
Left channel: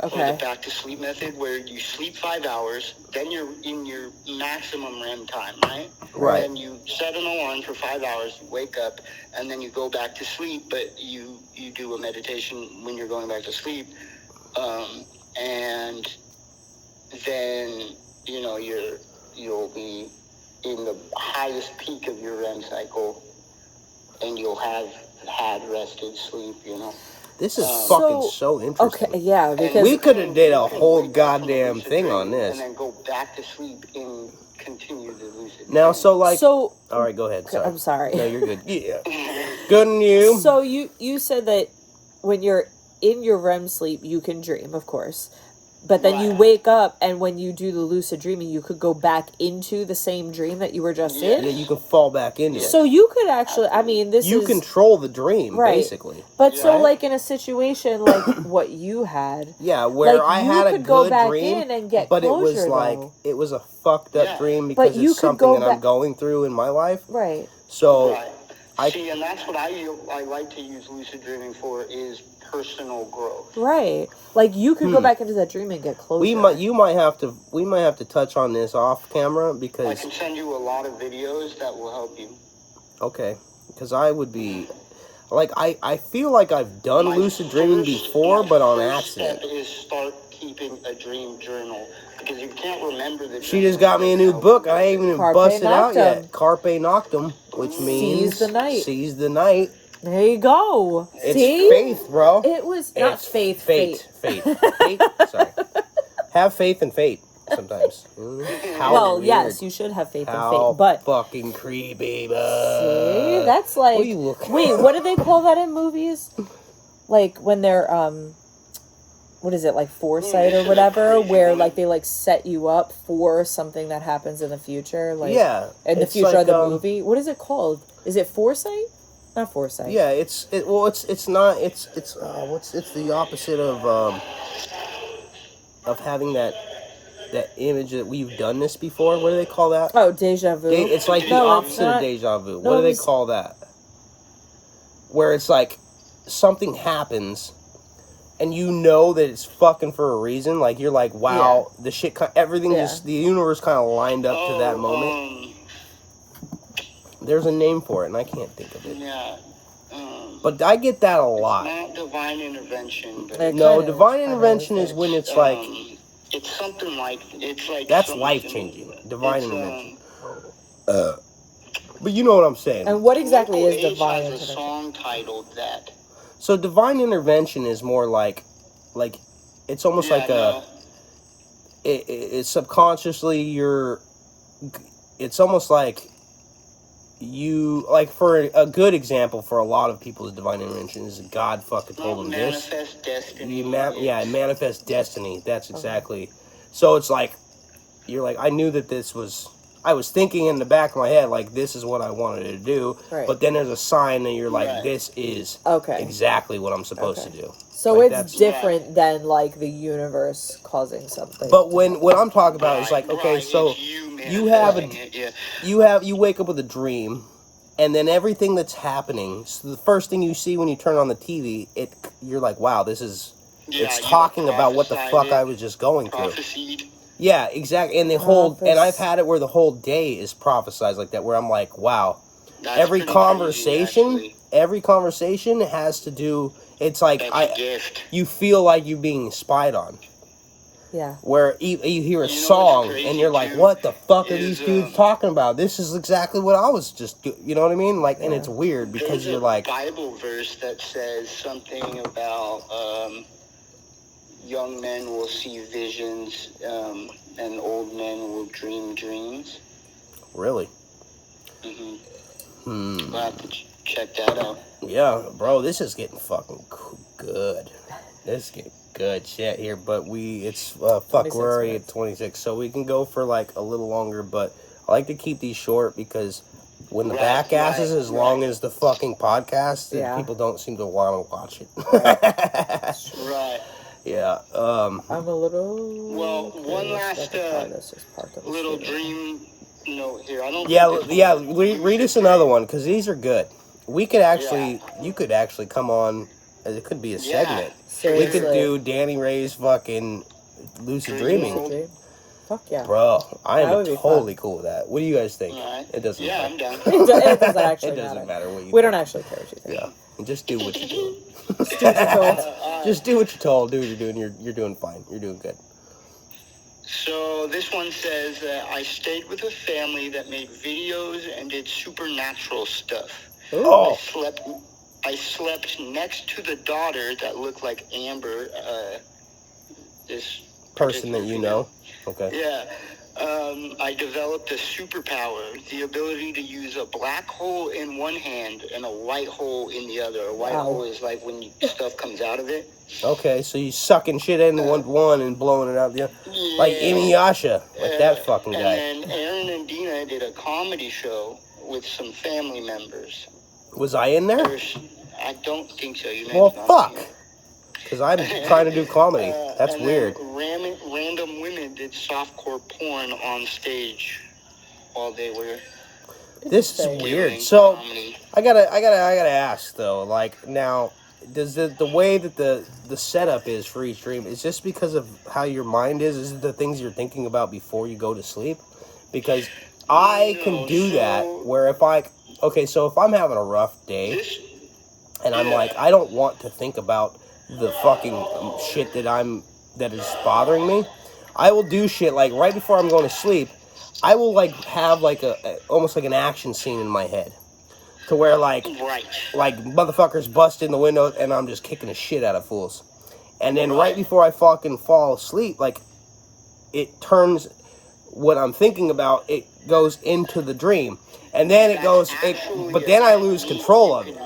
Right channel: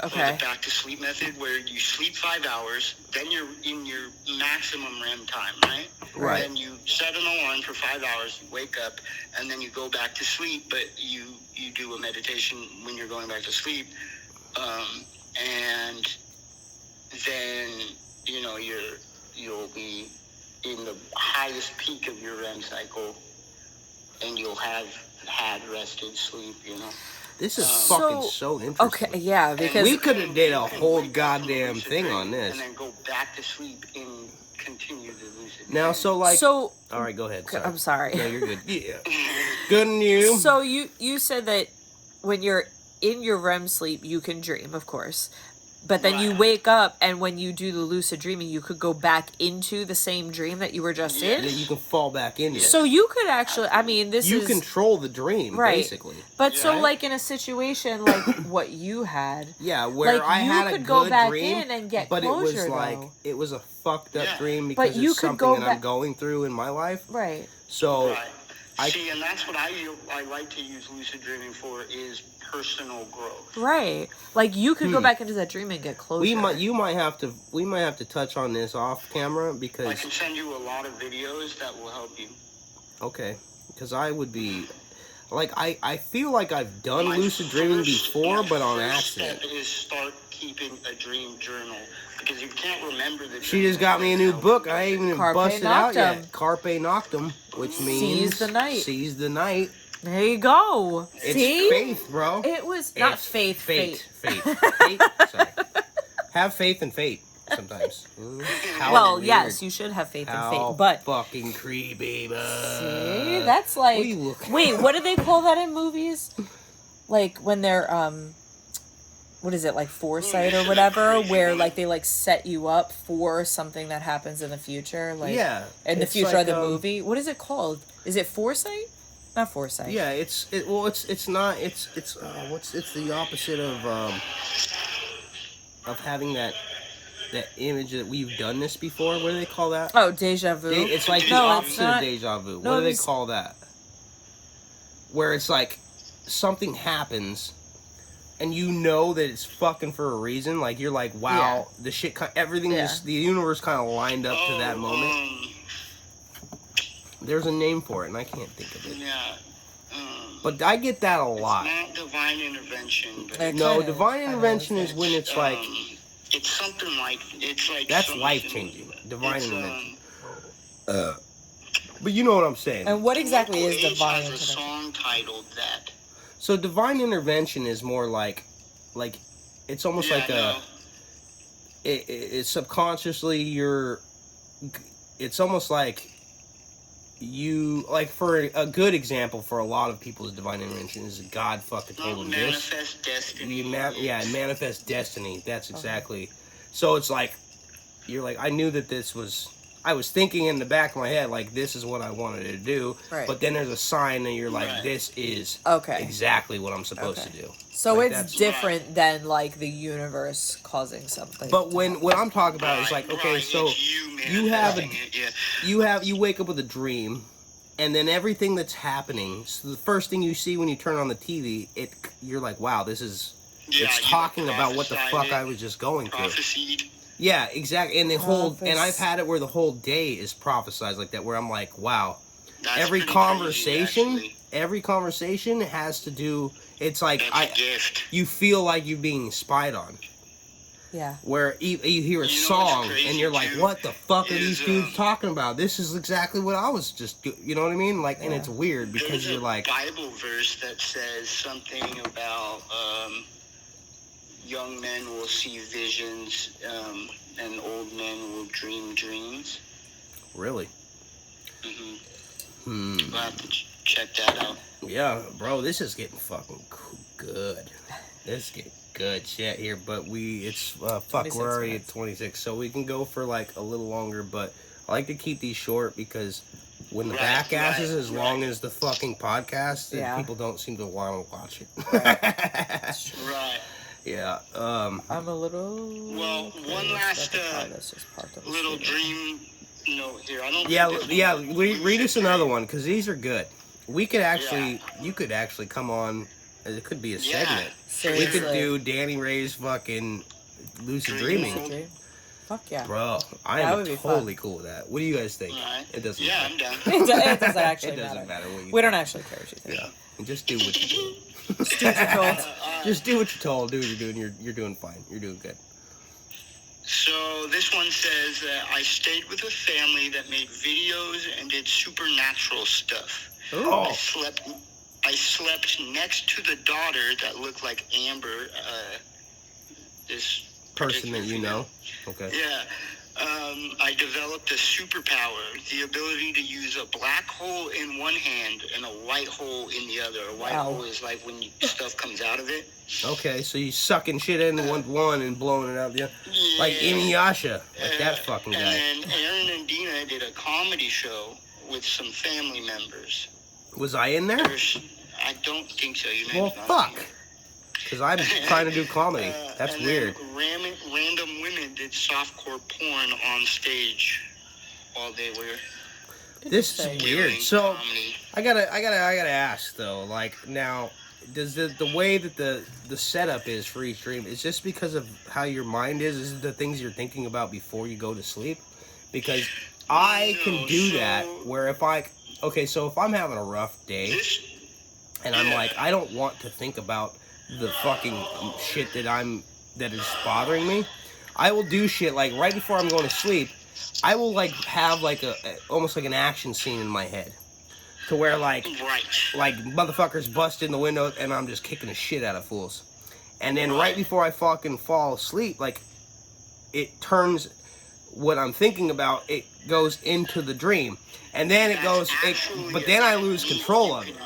Or Okay. the back to sleep method, where you sleep 5 hours, then you're in your maximum REM time, right? Right. Then you set an alarm for 5 hours, you wake up, and then you go back to sleep, but you do a meditation when you're going back to sleep. And then, you know, you'll be in the highest peak of your REM cycle, and you'll have had rested sleep, you know? This is So- fucking so interesting. Okay, yeah, And because we could have did a you can whole wake up from a goddamn lucid thing dream on this. and then go back to sleep and continue the lucid Now, dream. so like, so all right, go ahead. Sorry. I'm sorry. No, you're good. Yeah, good on you. So you said that when you're in your REM sleep, you can dream, of course. But then you Right. wake up, and when you do the lucid dreaming, you could go back into the same dream that you were just Yeah. Yeah, in. you can fall back into it. So you could actually, I mean, this You is control the dream, Right. basically. But so, Right? like in a situation like what you had, Yeah, where like I you had a could good go back dream, in and get but closure, it was like though. it was a fucked up Yeah. dream But because you it's could something go that I'm back- going through in my life. Right. So Right. I- See, and that's what I like to use lucid dreaming for is personal growth. Right. Like you could go back into that dream and get closure. we might have to touch on this off camera I because can send you a lot of videos that will help you. okay, because I would be like I feel like I've done My lucid dreaming first- before, my but on first accident. step is start keeping a dream journal because you can't remember the. She just got me a new book. I ain't even Carpe busted out Noctem. yet. Carpe Noctem, which means Seize the night. Seize the night. There you go. It's See? faith, bro. It was not It's faith. Fate. Sorry. Have faith and fate sometimes. How Well, weird. yes, you should have faith in How faith, but fucking creepy, see, that's what like are you looking wait, what do they call that in movies? Like when they're what is it, like foresight or whatever, where like they like set you up for something that happens in the future, like Yeah, in the it's future like, of the movie. What is it called? Is it foresight? Not foresight. Yeah, it's the opposite of having that image that we've done this before. What do they call that? Oh, deja vu. It's like the No, it's opposite not. of deja vu. No, What do they it's- call that? Where it's like something happens, and you know that it's fucking for a reason. Like you're like, wow, the shit, everything, Yeah. just the universe kind of lined up to that moment. There's a name for it, and I can't think of it. Yeah. But I get that a lot. It's not divine intervention, but No, divine intervention is when it's like... it's something like... It's like... That's life-changing. Divine intervention. But you know what I'm saying. And what exactly is Local Age divine has intervention? a song titled that. So divine intervention is more like it's almost like a... It's subconsciously it's almost like you, like, for a good example for a lot of people's divine intervention is God fucking told them this. Manifest destiny. Manifest destiny. That's exactly. So it's like, you're like, I knew that this was, I was thinking in the back of my head, like, this is what I wanted to do. Right. But then there's a sign and you're like, this is exactly what I'm supposed to do. So like, it's different than, like, the universe causing something. But what I'm talking about is like, okay, so you wake up with a dream, and then everything that's happening, so the first thing you see when you turn on the TV, you're like, wow, this is, it's talking about what the fuck I was just going through. Yeah, exactly. And and I've had it where the whole day is prophesized like that, where I'm like, wow, every conversation has to do, it's like, you feel like you're being spied on. Yeah. Where you hear a song and you're like, what the fuck are these dudes talking about? This is exactly what I was just you know what I mean? Like, and it's weird because you're like... There's a Bible verse that says something about young men will see visions and old men will dream dreams. Really? Mm-hmm. We'll have to check that out. Yeah, bro, this is getting fucking good. This is getting good shit here, but it's we're already at 26, so we can go for like a little longer, but I like to keep these short because when the Backass is as long as the fucking podcast, then people don't seem to want to watch it. Right. Yeah. I'm a little... Well, one last little dream note here. I don't... Read us another one, because these are good. We could actually... You could actually come on... It could be a segment. Seriously. We could do Danny Ray's fucking Lucid Dreaming. Fuck yeah. Bro, I am totally cool with that. What do you guys think? Right. It doesn't matter. I'm down. It doesn't actually matter what you We don't actually care what you think. Yeah. Just do what you're doing. Just do what you're told. Just do what you're told. Do what you're doing. You're doing fine. You're doing good. So this one says that I stayed with a family that made videos and did supernatural stuff. Oh. I slept next to the daughter that looked like Amber, this person that you know? Okay. Yeah. I developed a superpower, the ability to use a black hole in one hand and a white hole in the other. A white hole is like when stuff comes out of it. Okay, so you sucking shit in one and blowing it out the other. Yeah. Like Inuyasha, like that fucking guy. And then Aaron and Dina did a comedy show with some family members. Was I in there? I don't think so. Well, fuck. Because I'm trying to do comedy. That's weird. Random women did softcore porn on stage while they were... This is weird. So, comedy. I gotta ask, though. Like, now, does the way that the setup is for each dream, is this because of how your mind is? Is it the things you're thinking about before you go to sleep? Because I can do that, where if if I'm having a rough day, and I'm like, I don't want to think about the fucking shit that is bothering me, I will do shit like right before I'm going to sleep. I will like have like almost like an action scene in my head, to where like motherfuckers bust in the window and I'm just kicking the shit out of fools, and then right before I fucking fall asleep, like it turns what I'm thinking about, it goes into the dream, and then it goes, but then I lose control of it.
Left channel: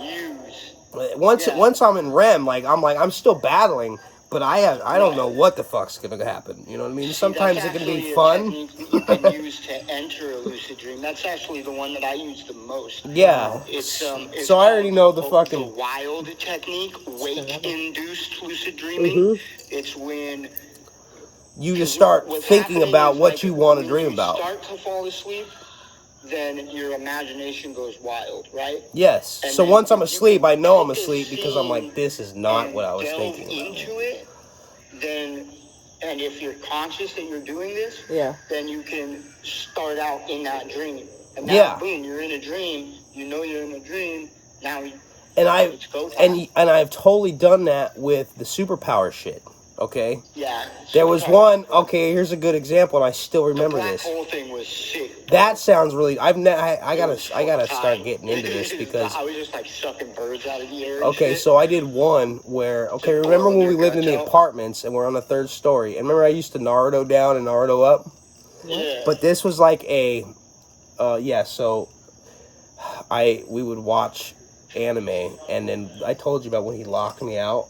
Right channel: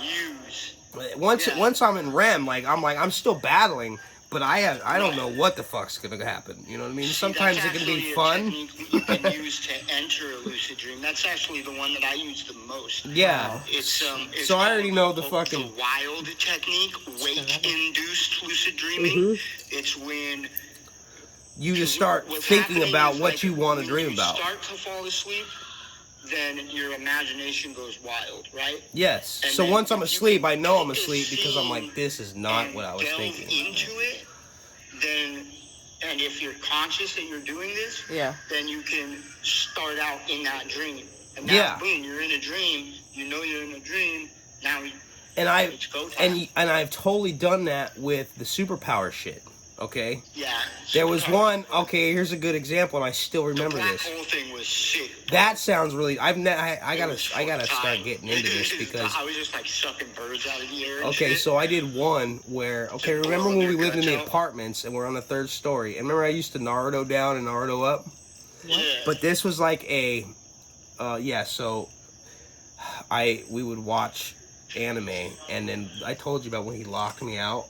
Once I'm in REM, I'm still battling, but I don't know what the fuck's gonna happen. You know what I mean? Sometimes it can be fun. You can use to enter a lucid dream. That's actually the one that I use the most. Yeah. It's so I already know the fucking wild technique, wake-induced lucid dreaming. It's when you just start thinking about what you want to dream about. When you start to fall asleep, then your imagination goes wild, right? Yes. And so once I'm asleep, I know I'm asleep because I'm like, this is not what I was thinking about. Into it, then, and if you're conscious that you're doing this, then you can start out in that dream. And now, boom, you're in a dream. You know you're in a dream. Now. And It's go time. I've totally done that with the superpower shit. Okay. Yeah. There was superpower. one. Okay, here's a good example, and I still The remember black this. hole thing was sick. That sounds really. I It gotta was start fucking getting tight. into this because. I was just like sucking birds out of the air. And Okay, shit. so I did one where. Okay, Just remember blowing when we your lived in guts the out? apartments and we're on the 3rd story? And remember I used to Naruto down and Naruto up. Yeah. But this was like a. Yeah. So. We would watch anime, and then I told you about when he locked me out.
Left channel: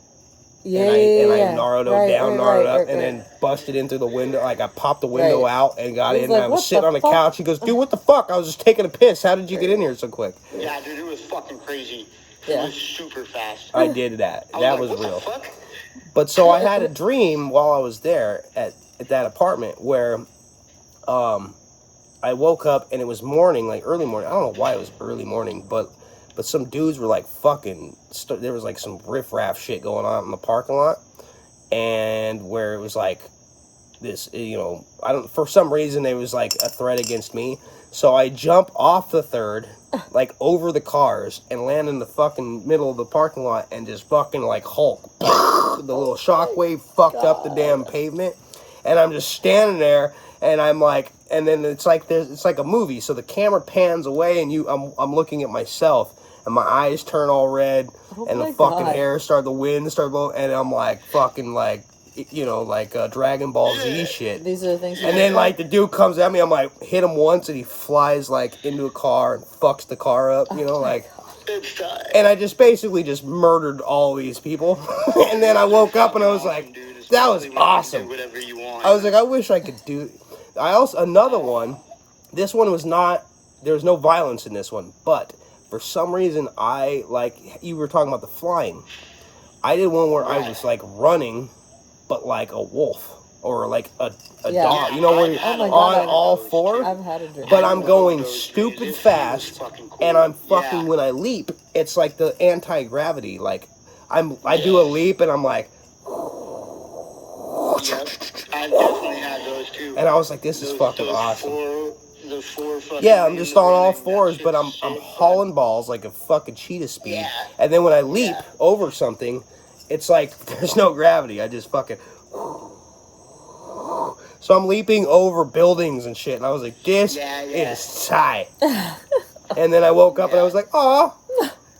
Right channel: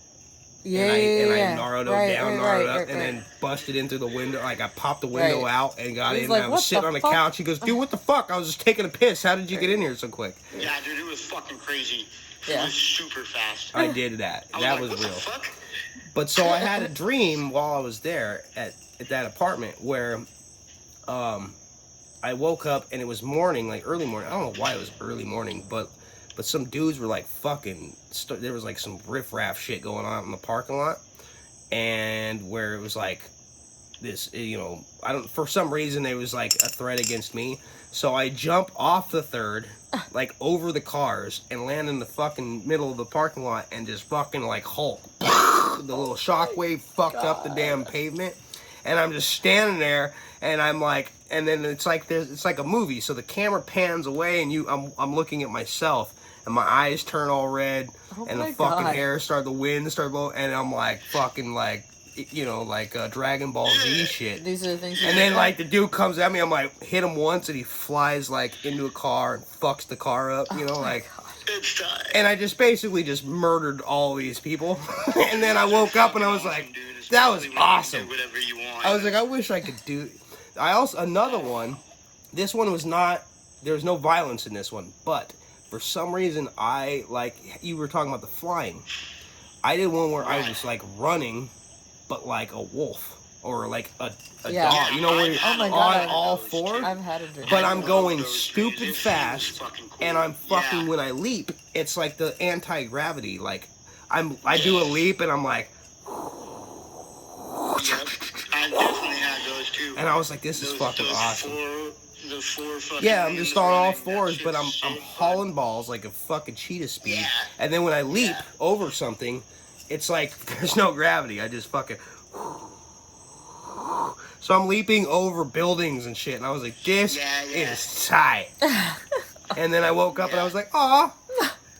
Yeah, and I yeah. Naruto Right, down, right, Naruto right, up, and right. then busted in through the window. Like I popped the window Right. out and got He's in. like, And I was "What sitting the on the fuck?" couch. He goes, "Dude, what the fuck? I was just taking a piss. How did you get in here so quick?" Yeah, dude, it was fucking crazy. It Yeah. was super fast. I did that. I That was was like, real. what the fuck? But so I had a dream while I was there at that apartment where I woke up and it was morning, like early morning. I don't know why it was early morning, but some dudes were like fucking. There was like some riffraff shit going on in the parking lot, and where it was like this, for some reason it was like a threat against me. So I jump off the 3rd, like over the cars, and land in the fucking middle of the parking lot and just fucking like Hulk. The little shockwave fucked up the damn pavement, and I'm just standing there, and I'm like, and then it's like a movie. So the camera pans away, and I'm looking at myself, and my eyes turn all red, and the fucking hair the wind started blowing, and I'm like fucking like. Dragon Ball Z shit. These are the things. And then like the dude comes at me, I'm like hit him once, and he flies like into a car and fucks the car up, It's time. And I just basically just murdered all these people. And then I woke up and I was like, that was awesome. Whatever you want. I was like, I wish I could do. Another one. This one was not. There was no violence in this one, but for some reason you were talking about the flying. I did one where I was like running, but like a wolf or like a dog. You know, where you're on all four. I've had a dream. But I'm going stupid fast, and I'm fucking when I leap, it's like the anti-gravity. Like I do a leap, and I'm like. Yep, I definitely had those too. And I was like, this is fucking awesome. The four fucking. Yeah, I'm just on all fours, but I'm hauling balls like a fucking cheetah speed. Yeah. And then when I leap over something, it's like there's no gravity. I just fucking. So I'm leaping over buildings and shit, and I was like, this is tight. And then I woke up and I was like, aw.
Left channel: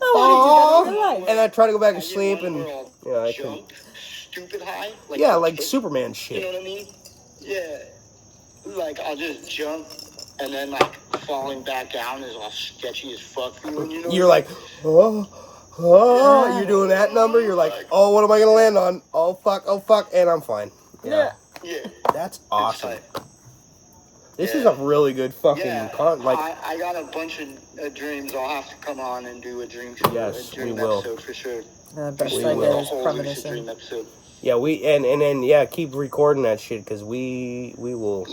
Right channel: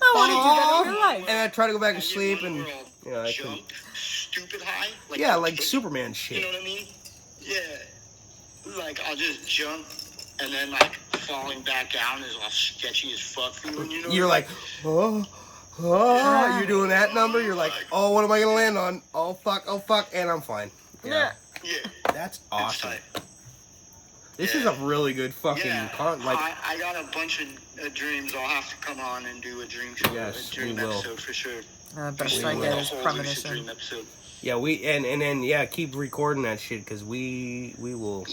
I wanted you that in your life. And I tried to go back to sleep, and I couldn't. Stupid high. Like Superman shit. You know what I mean? Yeah. Like I'll just jump, and then like falling back down is all sketchy as fuck. You're like, oh. You're doing that number. You're like, oh, what am I gonna land on? Oh fuck, and I'm fine. Yeah. That's awesome. This is a really good fucking I got a bunch of dreams. I'll have to come on and do a dream show. Yes, a dream we will. episode for sure. Best I get is Lucid premonition. dream episode. Yeah, and then keep recording that shit because we will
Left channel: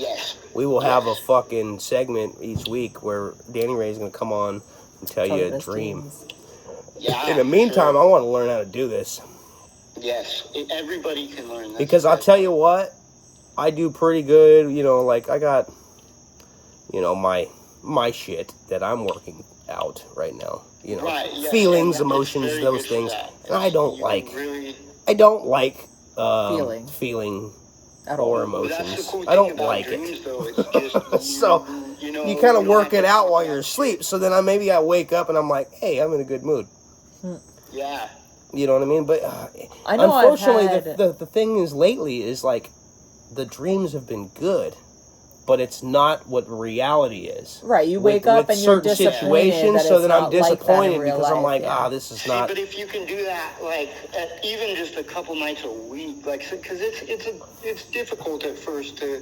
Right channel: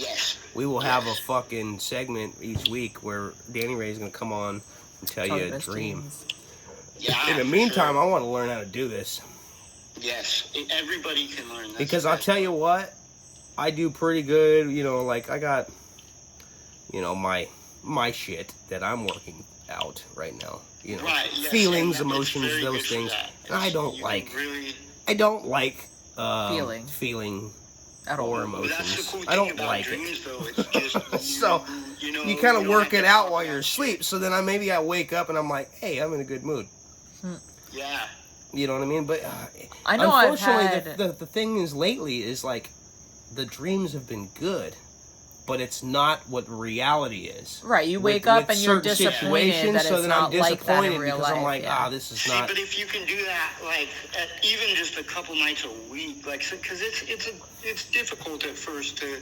have a fucking segment each week where Danny Ray's gonna come on and tell you a dream. Dreams. Yeah. In the meantime, I want to learn how to do this. Yes, everybody can learn. Because I'll tell you what, I do pretty good. Like I got, my shit that I'm working out right now. Right, yes, feelings, and emotions, very those good for things. that. And I don't like. Really, I don't like feeling at all. or Well, emotions. that's the cool thing I don't about like dreams, it. Though. It's just, So you kind of don't work have it to out talk while about you're it. asleep. So then maybe I wake up and I'm like, hey, I'm in a good mood. Yeah. You know what I mean? But I know I've unfortunately, had... the thing is lately is like the dreams have been good, but it's not what reality is. Right, you wake up and you're disappointed that so it's then I'm not like that disappointed in real because life. I'm like, this is not. But if you can do that, like even just a couple nights a week, like because it's difficult at first to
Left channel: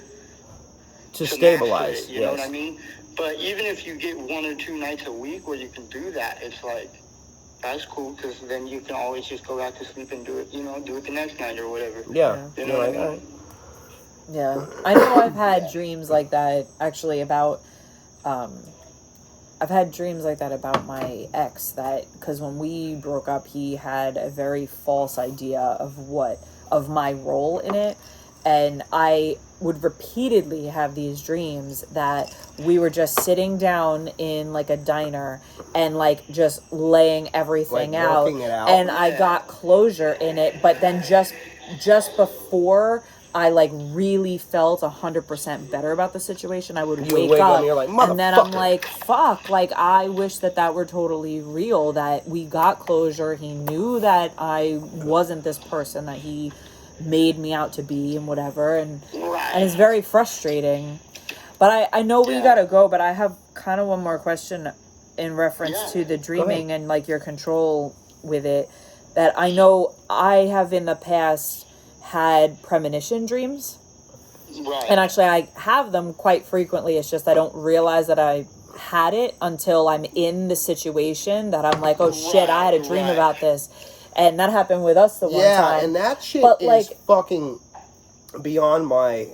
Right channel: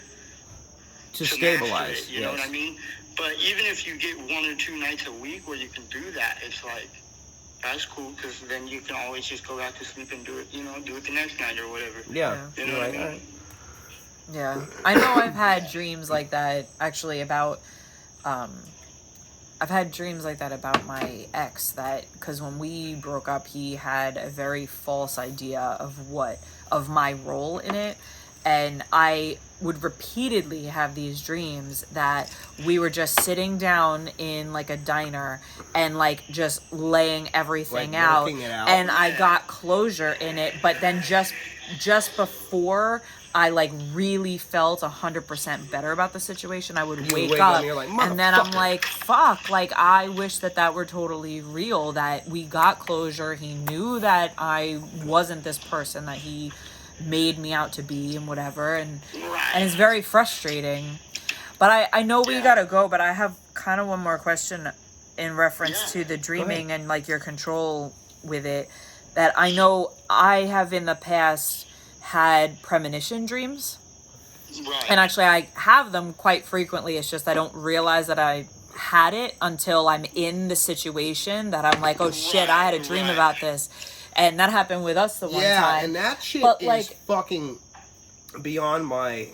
stabilize. It, you know what I mean? But even if you get 1 or 2 nights a week where you can do that, it's like that's cool because then you can always just go back to sleep and do it. Do it the next night or whatever. Yeah. You know what I mean? Right. Yeah, I know I've had dreams like that actually about, I've had dreams like that about my ex because when we broke up, he had a very false idea of my role in it. and I would repeatedly have these dreams that we were just sitting down in like a diner and like just laying everything Like out, working it out. and I got closure in it. But then just before I like really felt 100% better about the situation, I would wake up and you're like, and then I'm "Motherfucker." like, fuck, like I wish that were totally real, that we got closure. He knew that I wasn't this person that he made me out to be and whatever, and it's very frustrating. But I know we gotta go, but I have kind of one more question in reference to the dreaming and like your control with it, that I know I have in the past had premonition dreams. Right. And actually I have them quite frequently. It's just I don't realize that I had it until I'm in the situation, that I'm like, oh shit, I had a dream about this. And that happened with us the one time. Yeah, and that shit is fucking beyond my,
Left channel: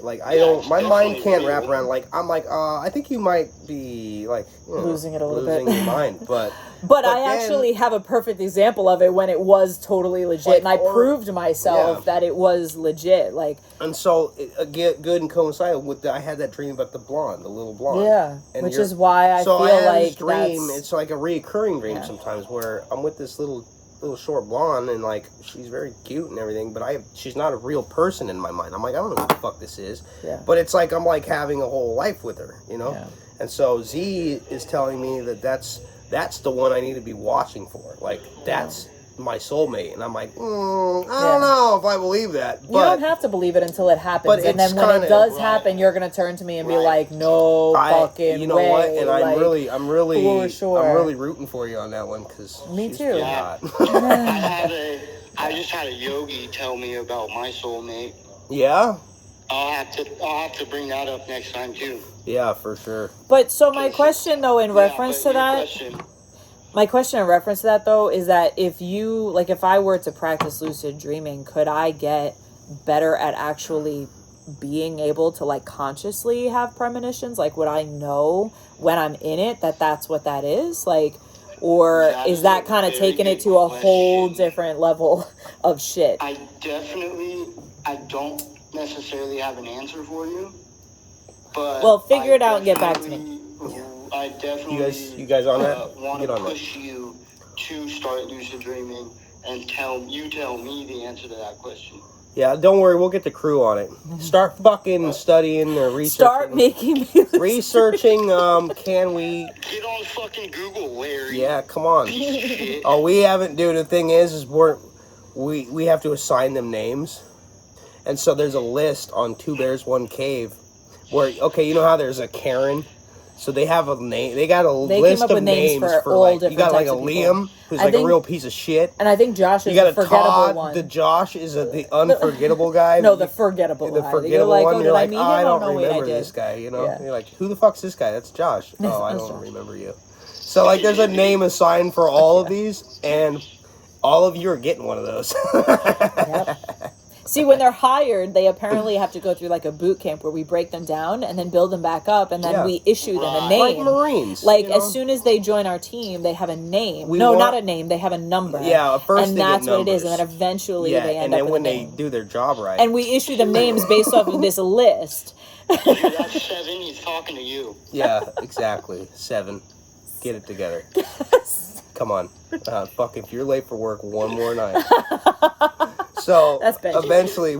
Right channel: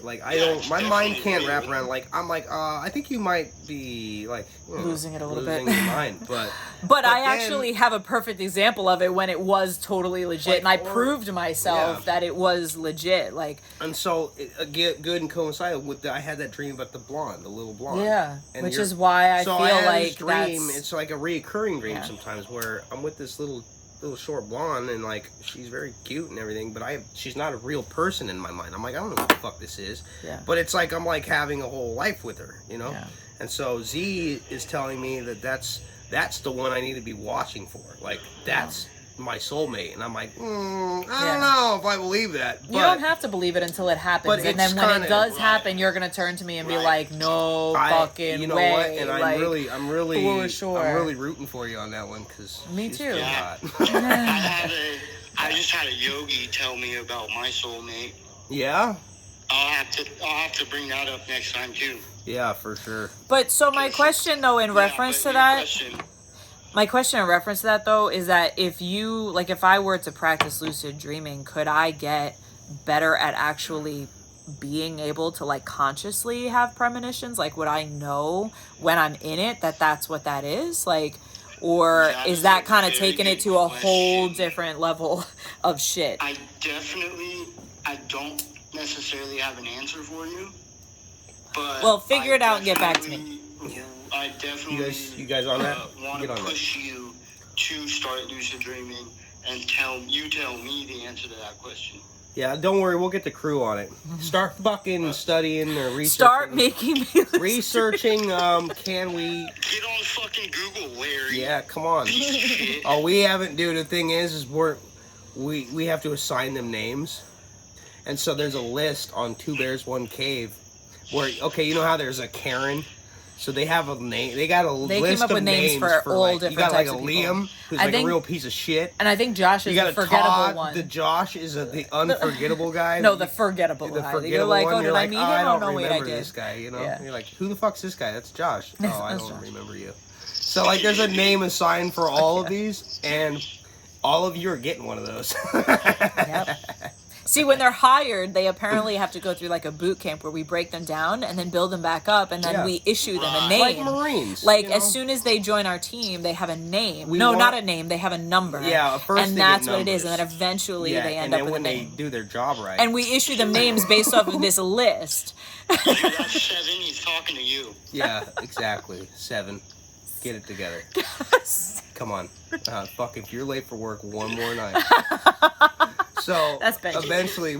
like, I don't, my mind can't wrap around, like, I'm like, I think you might be, like, losing it a little bit. Losing your mind, But I actually have a perfect example of it when it was totally legit, like, and I proved myself that it was legit, like. And so, good and coincided with I had that dream about the little blonde. Yeah, and which is why I feel like dream, it's like a reoccurring dream sometimes, where I'm with this little short blonde, and like she's very cute and everything, but she's not a real person in my mind. I'm like, I don't know what the fuck this is. Yeah. But it's like I'm like having a whole life with her, you know. Yeah. And so Z is telling me that's the one I need to be watching for. Like that's my soulmate, and I'm like, I don't know if I believe that. But you don't have to believe it until it happens, and then when it does happen, you're gonna turn to me and be like, "No fucking you know way!" What? And like, I'm really, for sure. I'm really rooting for you on that one, because me too. Yeah. I just had a yogi tell me about my soulmate. Yeah. I'll have to bring that up next time too. Yeah, for sure. But so my question though, in reference to that. My question in reference to that, though, is that if I were to practice lucid dreaming, could I get better at actually being able to, like, consciously have premonitions? Like, would I know when I'm in it that that's what that is? Like, or is that kind of taking it to a whole different level of shit? I don't necessarily have an answer for you, but... Well, figure it out and get back to me. I definitely you guys on that? Want to push you to start lucid dreaming and tell me the answer to that question. Yeah, don't worry, we'll get the crew on it. Start fucking studying or researching. Start making me researching. Can we get on fucking Google, Larry? Yeah, come on. Oh, we haven't. Dude, the thing is we have to assign them names, and so there's a list on Two Bears One Cave, where you know how there's a Karen. So they have a name. They got a list came up of with names for all like, different you got like types a of people. Liam, who's like a real piece of shit. And I think Josh is you got a forgettable Todd, one. The Josh is the unforgettable guy. No, the forgettable guy. You're like, oh, did I meet him? Oh, no, wait, I did. This guy, you know? Yeah. You're like, who the fuck's this guy? That's Josh. Oh, I don't Josh. remember you. So, like, there's a name assigned for all of these, and all of you are getting one of those. Yep. See, when they're hired, they apparently have to go through like a boot camp where we break them down and then build them back up, and then we issue them a name. Like Marines. Like, as soon as they join our team, they have a name. Not a name. They have a number. Yeah, first and that's what it is. And then eventually they end up with a name. And then when they do their job right. And we issue them names based off of this list. Dude, that's 7. He's talking to you. Yeah, exactly. 7. Get it together. Come on. Fuck, if you're late for work one more night. So that's Benji. Eventually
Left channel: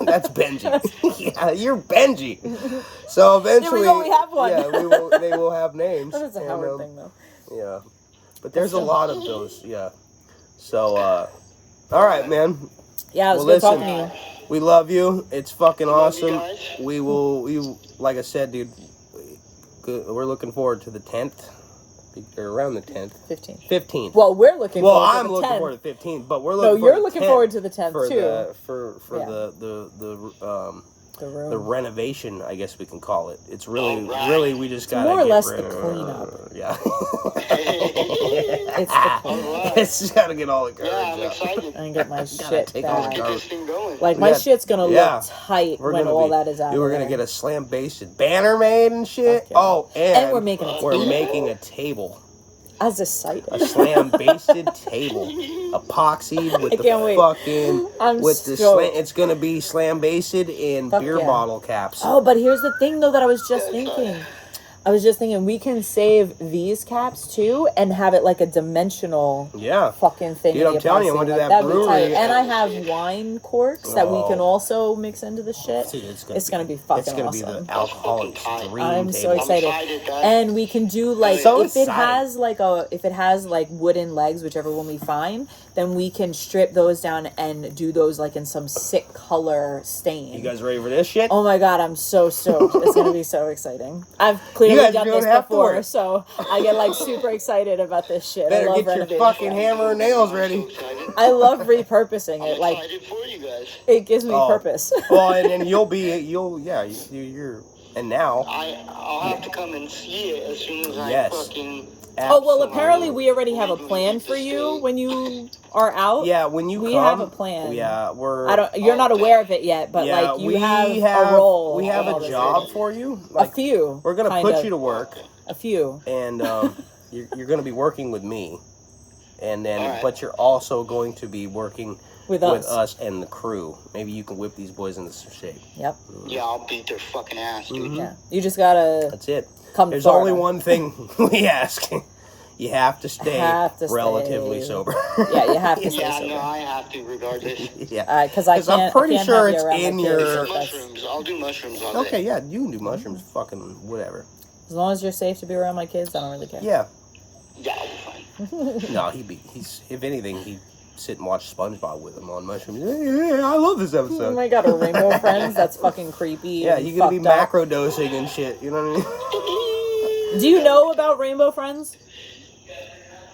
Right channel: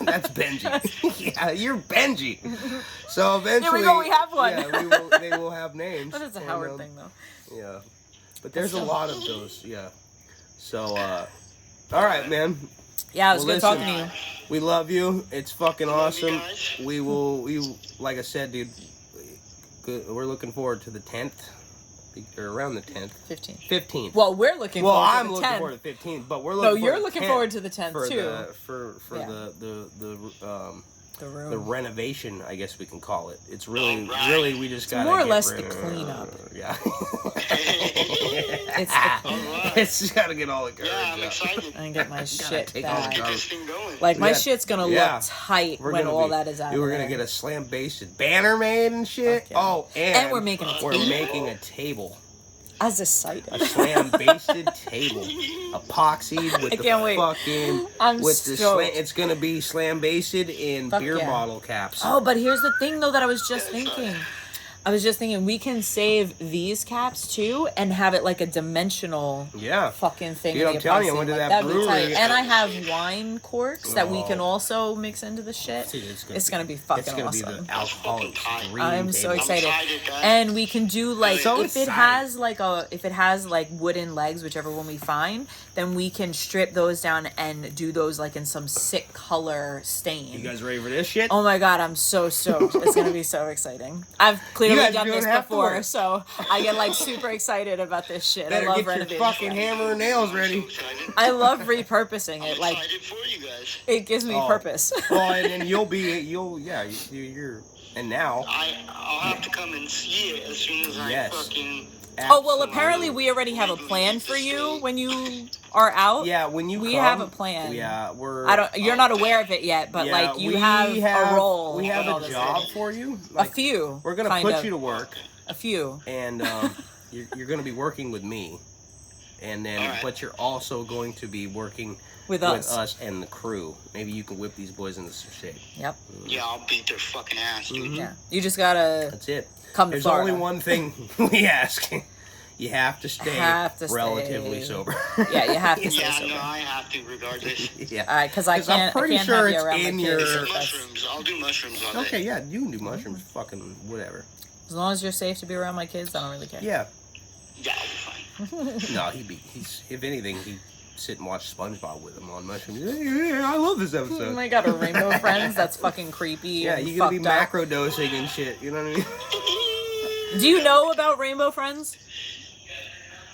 that's Benji. Yeah, you're Benji. So eventually there we go, we have one. Yeah, they will have names. That is a Howard thing though. Yeah. But there's a lot of those, yeah. So all right, man. Yeah, it was good talking to you. We love you. It's fucking awesome. We like I said, dude, we're looking forward to the 10th. Or around the 10th. 15th. Well, we're looking forward to the 10th. Well, I'm looking forward to the 15th, but we're looking you're looking forward to the 10th too. The renovation, I guess we can call it. It's really we just got more or less the cleanup. Yeah. It's the cleanup. It's just gotta get all the garbage I'm excited. And get my shit back. Get this thing going. Like, my shit's gonna look tight when all that is out. We're gonna get a slam-basted banner made and shit. Okay. Oh, and we're making a table. We're making a table. As a site. A slam-basted table, epoxied with I the can't wait. fucking I'm with the stoked. slam. It's gonna be slam-basted in Fuck beer yeah. bottle caps. Oh, but here's the thing, though, that I was just thinking. We can save these caps too and have it like a dimensional Yeah. fucking thing. Dude, in the I'm telling you, I'm epoxy. gonna do Like, that that'd be tight. brewery. And I have wine corks that we can Oh. also mix into the shit. Dude, it's gonna be fucking It's gonna awesome. be the alcoholic dream I'm so table. excited. excited, guys. And we can do like So if it excited. has like wooden legs, whichever one we find, then we can strip those down and do those like in some sick color stain. You guys ready for this shit? Oh my god, I'm so stoked. It's gonna be so exciting. I've clearly You guys done don't this have to before, work. so I get like super excited about this shit. Better I love get your renovating. fucking hammer and nails ready. I love repurposing it. I'm Like excited for you guys. it gives me Oh. purpose. Well, and then you're and now. I'll have to come and see it as soon as I Yes. fucking. Oh well, apparently we already have a plan for you when you are out. Yeah, when you we come, have a plan. Yeah, we're. I don't. You're not aware of it yet, but yeah, like you we have a role. We have in all a this job shit. for you. A few. We're gonna kind put of. you to work, A few. and you're gonna be working with me, and then Alright. but you're also going to be working With with us. us and the crew. Maybe you can whip these boys into some shape. Yep. Yeah, I'll beat their fucking ass, dude. Yeah. You just gotta That's it. come. There's to Florida. only one thing we ask. You have to stay relatively stay. sober. Yeah, you have to stay Yeah, sober. no, I have to regardless. Yeah. Because I can't. I'm pretty I can't sure have you it's around in my your- kids. That's- Mushrooms. I'll do mushrooms all day. Okay, yeah, you can do mushrooms, fucking whatever. As long as you're safe to be around my kids, I don't really care. Yeah. Yeah, I'll be fine. No, he's if anything, he'd sit and watch SpongeBob with him on mushrooms. Yeah, I love this Oh episode. my god, a rainbow friends? That's fucking creepy. Yeah, and you're gonna be fucked up. macro dosing and shit. You know what I mean? Do you know about rainbow friends?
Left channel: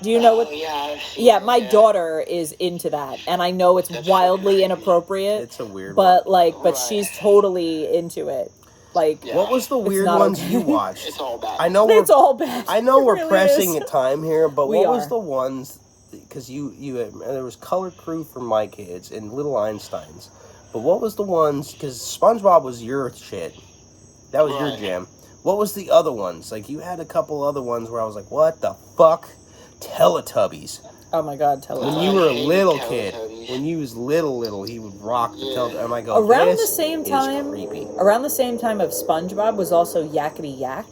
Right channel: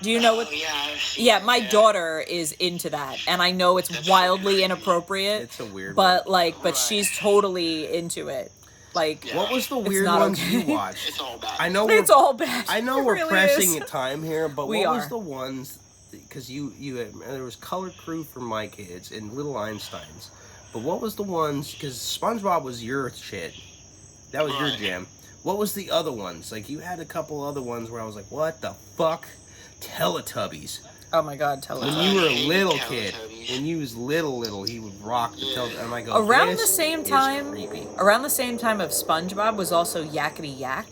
Do you know what? Oh, yeah, I've seen Yeah, it, my daughter is into that, and I know it's That's wildly fucking inappropriate. It's a weird but one. like, but Right. she's totally into it. Like, Yeah. What was the It's weird not ones okay. you watched? It's all bad. I know we're it's all bad. I know It we're really pressing is. at time here, but We what was are. the ones? Because you there was Color Crew for my kids and Little Einsteins, but what was the ones? Because SpongeBob was your shit. That was your Right. jam. What was the other ones? Like you had a couple other ones where I was like, what the fuck? Teletubbies. Oh my god, tell When us. you were a hated little kid, Teletubbies. when you was little, he would rock the Yeah. Teletubbies. And I go, Around the "This same is time, creepy." around the same time of SpongeBob was also Yakety Yak.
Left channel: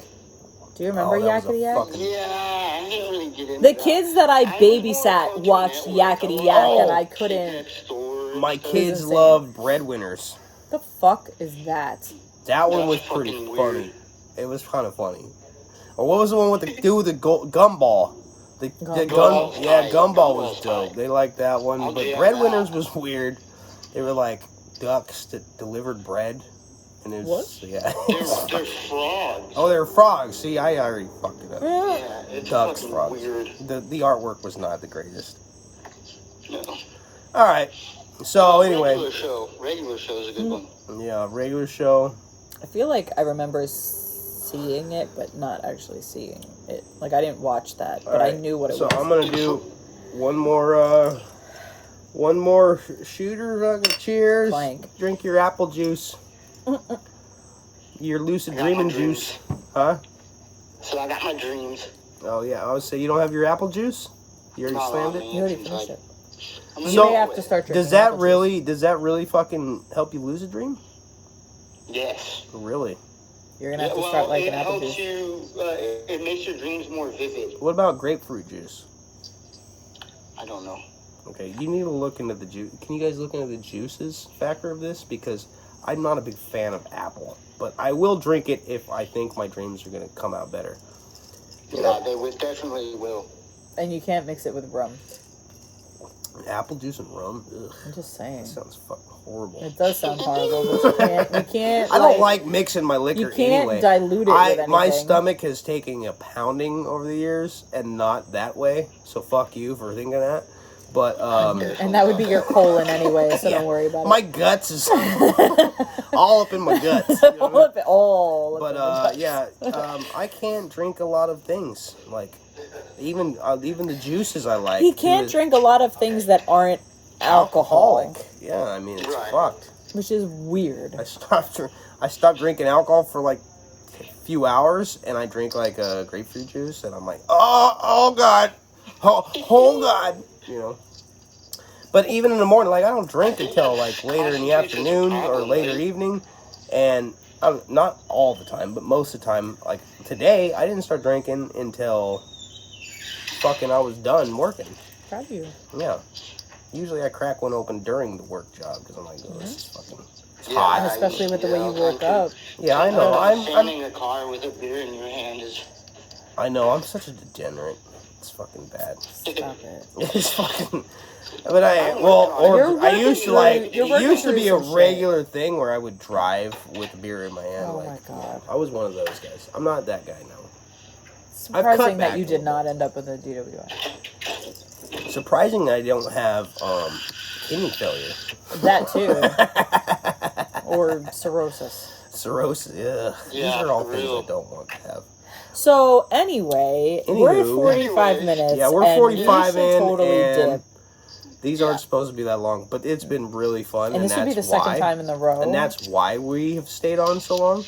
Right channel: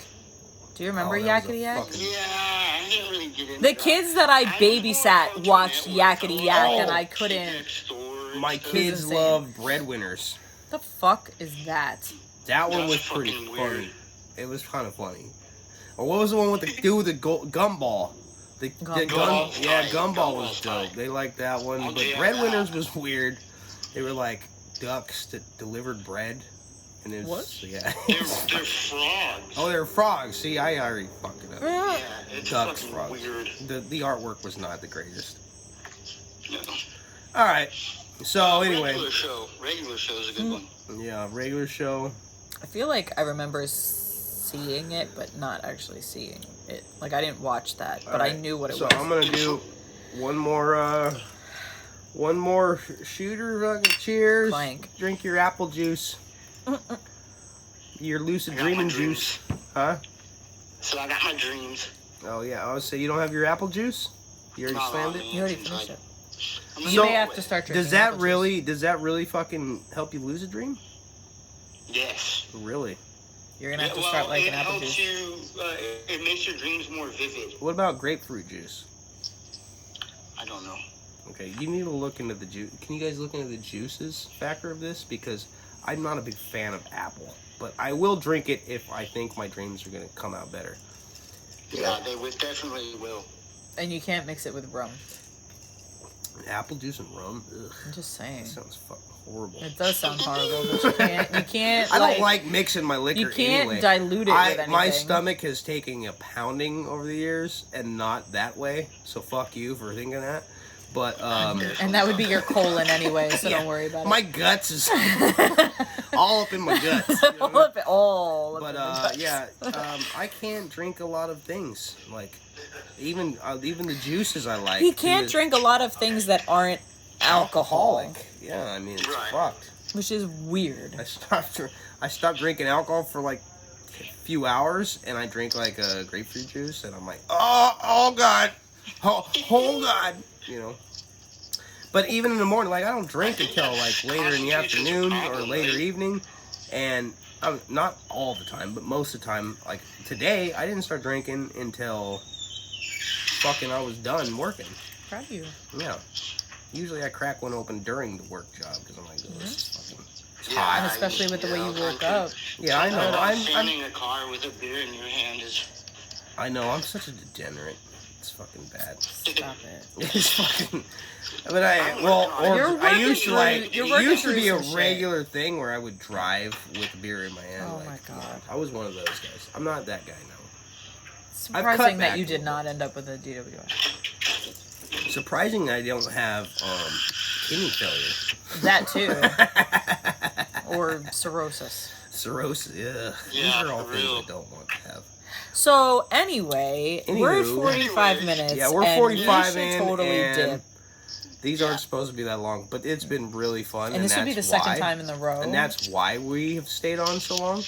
Do you remember Oh, that was a Yakety Yak? fucking- Yeah, I didn't really get into The that. kids that I was more babysat Cartoon watched Network. Yakety I Yak, watched and I Kid couldn't. Next Door and My stuff. kids insane. love Breadwinners. The fuck is that? That one That's was pretty fucking funny. weird. It was kind of funny. Or what was the one with the dude with the gumball? The Gumball. gun, yeah, Tight. gumball was Gumball's dope. tight. They liked that one. I'll But jam Breadwinners that. was weird. They were like ducks that delivered bread. And it was, yeah. They're frogs. Oh, they were frogs. See, I already fucked it up. Yeah, it's Ducks, fucking frogs. weird. The artwork was not the greatest. No. All right. So anyway, Regular show's a good one. yeah, regular show. I feel like I remember seeing it, but not actually seeing it. Like I didn't watch that, but I Alright, knew what it so was. I'm gonna do one more shooter. Fucking cheers. Clank. Drink your apple juice. Your lucid I got my dreaming dreams. juice, huh? So I got my dreams. Oh yeah, I was say you don't have your apple juice. You already No, slammed man. it. You already It's finished like- it. I'm You So, may have to start drinking. Does that apple really fucking help you lucid dream? Yes. Really? juice. You're gonna have to well, start liking it apple helps juice. you. It makes your dreams more vivid. What about grapefruit juice? I don't know. Okay, you need to look into the juice. Can you guys look into the juices factor of this? Because I'm not a big fan of apple, but I will drink it if I think my dreams are gonna come out better. Yeah, they would definitely will. And you can't mix it with rum. Apple juice and rum? Ugh, I'm just saying. that sounds fucking horrible. It does sound horrible, but you can't. I don't like mixing my liquor You can't anyway. dilute it with anything. My stomach has taken a pounding over the years, and not that way. So fuck you for thinking that. But and that would be your colon anyway, so Yeah. don't worry about my guts is all up in my guts. You know what I mean? it. all. But yeah, I can't drink a lot of things. Like even the juices I like. He can't is drink a lot of things that aren't alcohol, alcoholic. Yeah, I mean it's Right. fucked. which is weird. I stopped drinking alcohol for like few hours and I drink like a grapefruit juice and I'm like, oh God, oh God, you know. But even in the morning, like I don't drink until like later in the afternoon or later evening, and not all the time, but most of the time. Like today, I didn't start drinking until fucking I was done working. Proud of you. Yeah. Usually I crack one open during the work job because I'm like, oh, this is fucking And hot. especially with the way you woke up. Yeah, I know. I'm standing in a car with a beer in your hand is. I know. I'm such a degenerate. It's fucking bad. Stop it. It's fucking. But I used to like. It used to be a regular thing where I would drive with a beer in my hand. Oh like, my God. I was one of those guys. I'm not that guy now. Surprising that you back did not end up with a DWI. Surprising I don't have kidney failure. That too. Or cirrhosis. Cirrhosis. Yeah. These are all things I don't want to have. So anyway, we're at 45 minutes. Yeah, we're 45 in, totally and dip. these aren't supposed to be that long, but it's been really fun. And this will be the second time in the row. And that's why we have stayed on so long.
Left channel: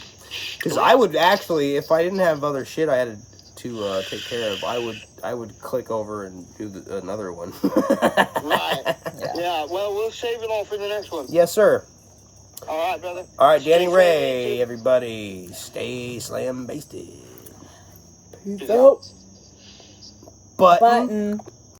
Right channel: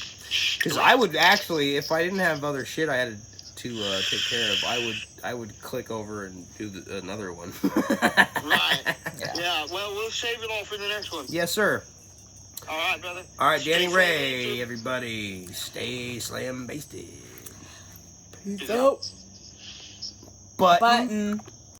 Because I would actually, if I didn't have other shit I had to take care of, I would click over and do another one. Right. Yeah, well, we'll save it all for the next one. Yes, sir. All right, brother. All right, Danny Ray, everybody. Stay slam basted. Peace out. Button.